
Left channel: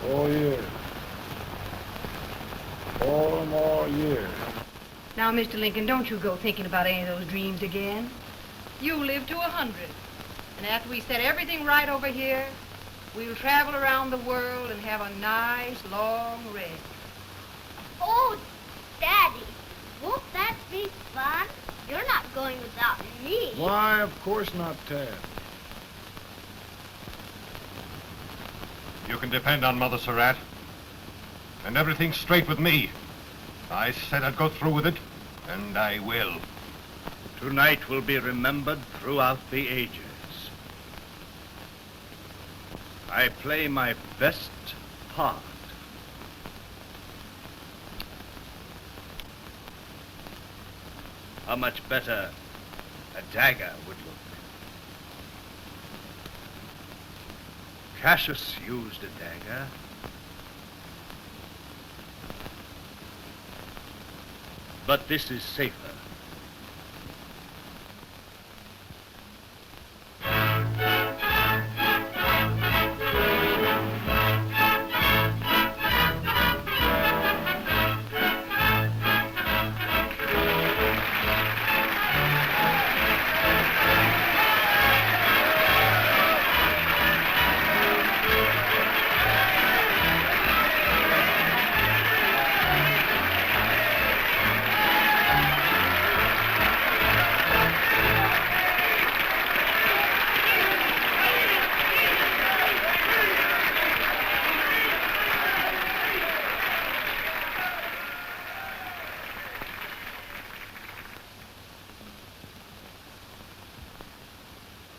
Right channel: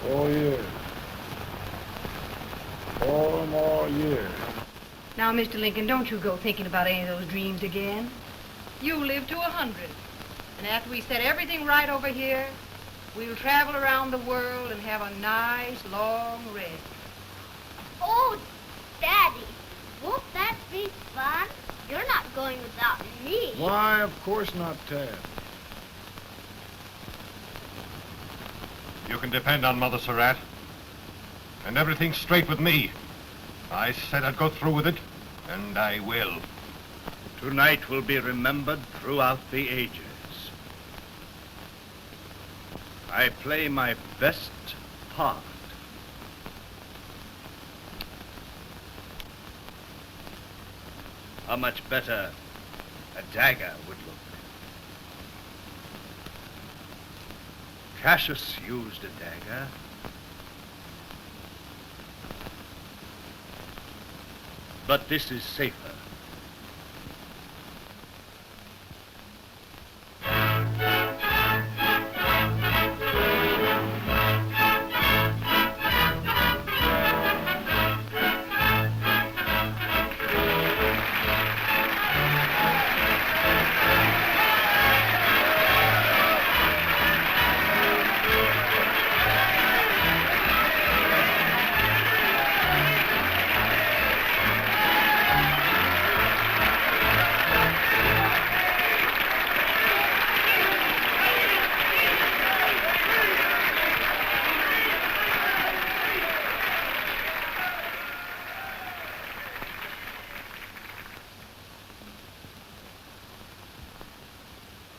4 years. 4 more years. Now, Mr. Lincoln, don't you go thinking about any of those dreams again. You live to 100. And after we set everything right over here, we'll travel around the world and have a nice, long rest. Oh, Daddy, won't that be fun? You're not going without me. Why, of course not, Tad. You can depend on Mother Surratt. And everything's straight with me. I said I'd go through with it, and I will. Tonight will be remembered throughout the ages. I play my best part. How much better a dagger would look. Cassius used a dagger. But this is safer.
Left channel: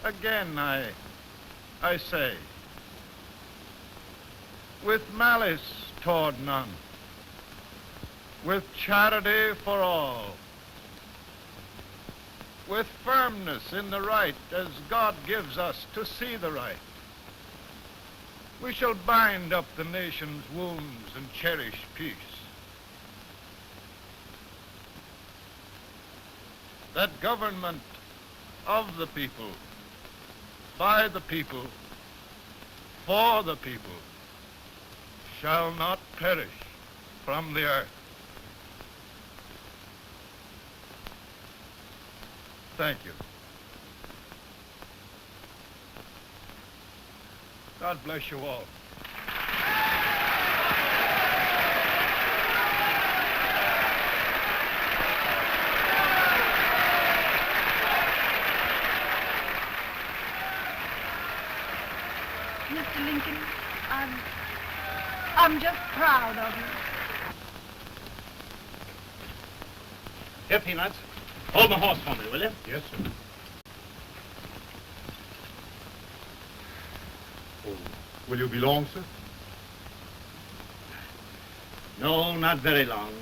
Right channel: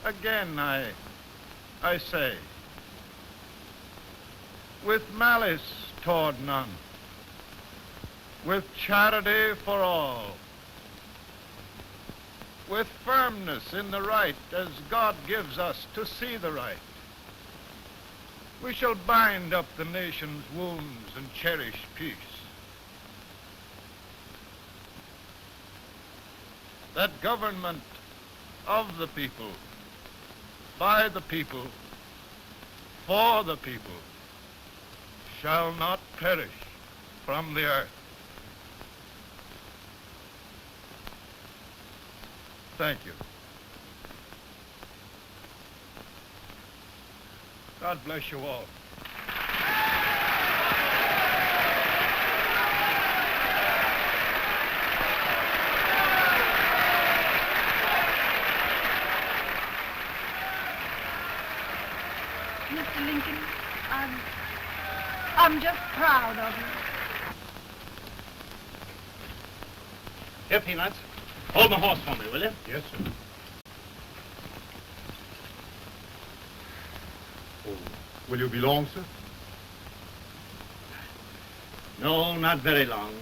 Again, I say, with malice toward none, with charity for all, with firmness in the right as God gives us to see the right, we shall bind up the nation's wounds and cherish peace. That government of the people, by the people, for the people, shall not perish from the earth. Thank you. God bless you all. I'm just proud of you. Here, Peanuts. Hold my horse for me, will you? Yes, sir. Oh, will you be long, sir? No, not very long.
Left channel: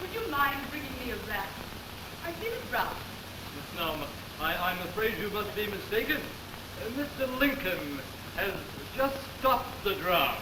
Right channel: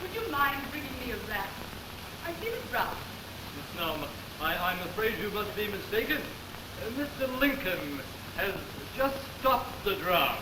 Would you mind bringing me a glass? I feel it brown. Now, I'm afraid you must be mistaken. Mr. Lincoln has just stopped the draft.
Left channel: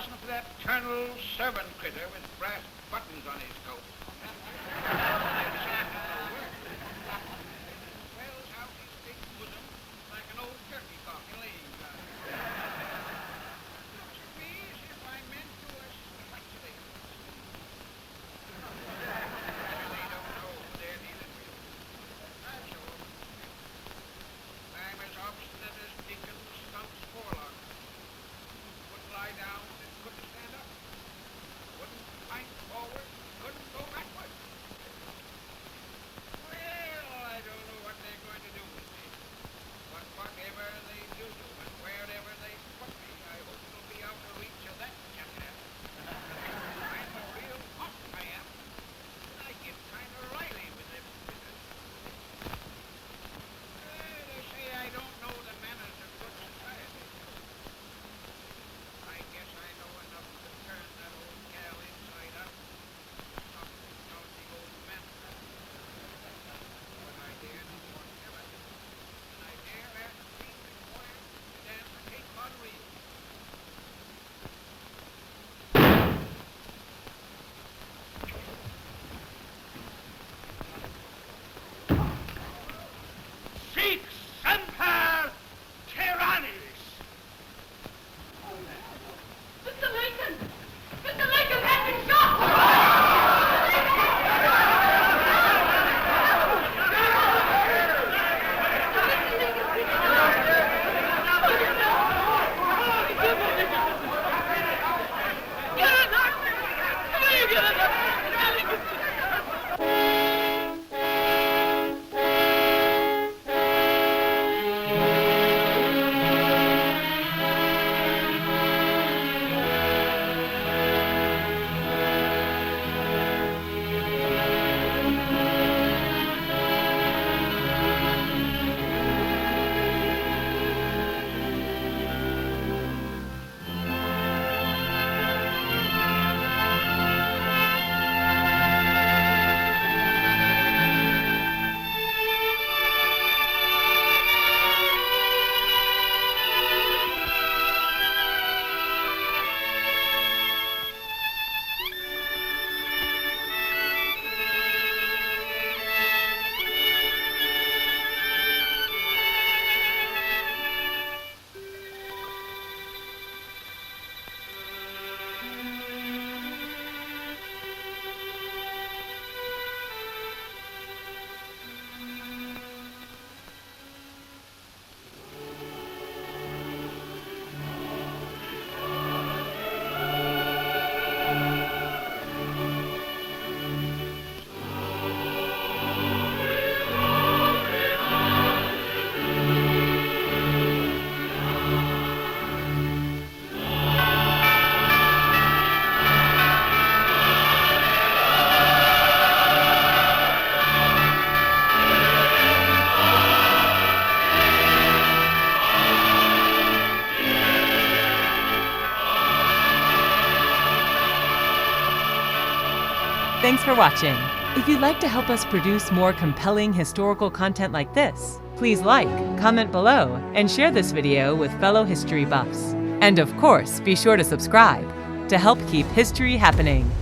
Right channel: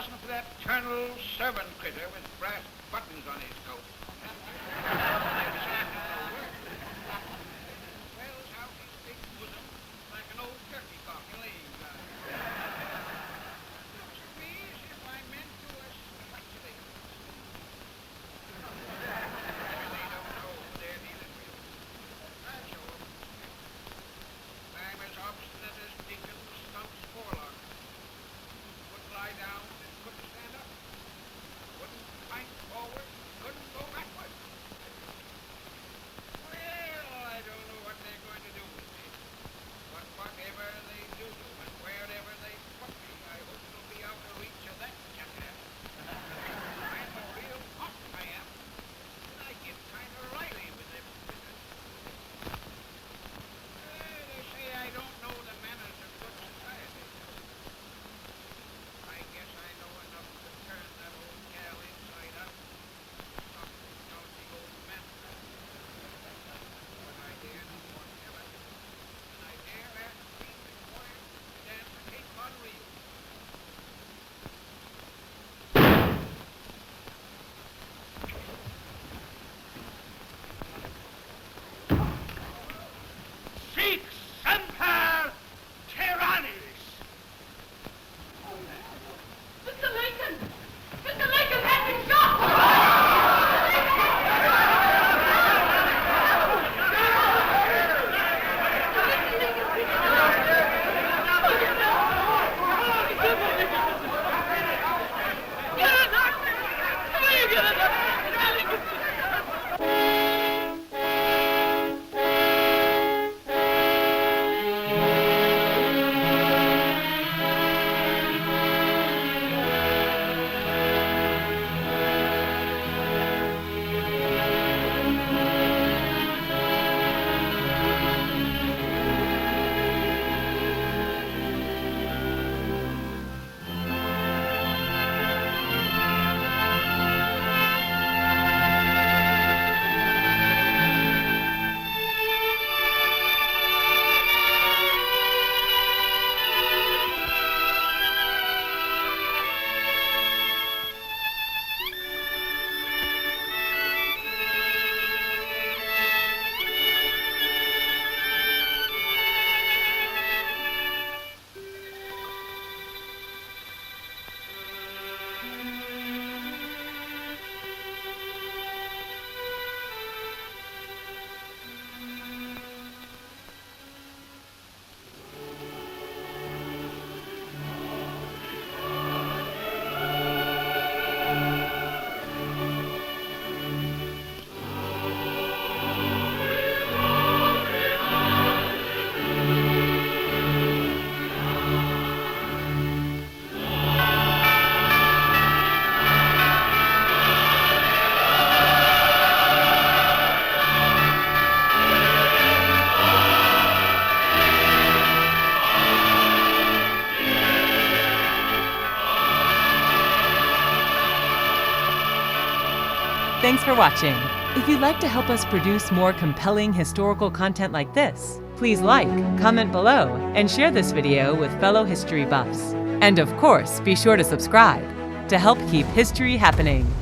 wasn't for that Colonel servant critter with brass buttons on his coat. Swells out his big bosom like an old turkey cock in league. Looks to me as if I meant to speculate. I don't know, Danny. That's all. I'm as obstinate as Dickens stumps Morlock. Wouldn't lie down and couldn't stand up. Wouldn't fight forward, couldn't go backward. Well, I don't know what they're going to do with me. But whatever they do, and wherever they put me, I hope it'll be out of reach of that jackass. I'm a real pop, I am. And I get kind of riley with them. Well, they say I don't know the manners of good society. I guess I know enough to turn that old gal inside out. Some lousy old man. But I dare no more tell it. And I dare ask King and Royal to dance and take on real. Seek Semper Tyrannis! Mr. Lincoln! Mr. Lincoln has been shot! Thanks for watching. If you'd like to help us produce more compelling historical content like this, please like, comment below, and share this video with fellow history buffs. And of course, be sure to subscribe to help keep history happening.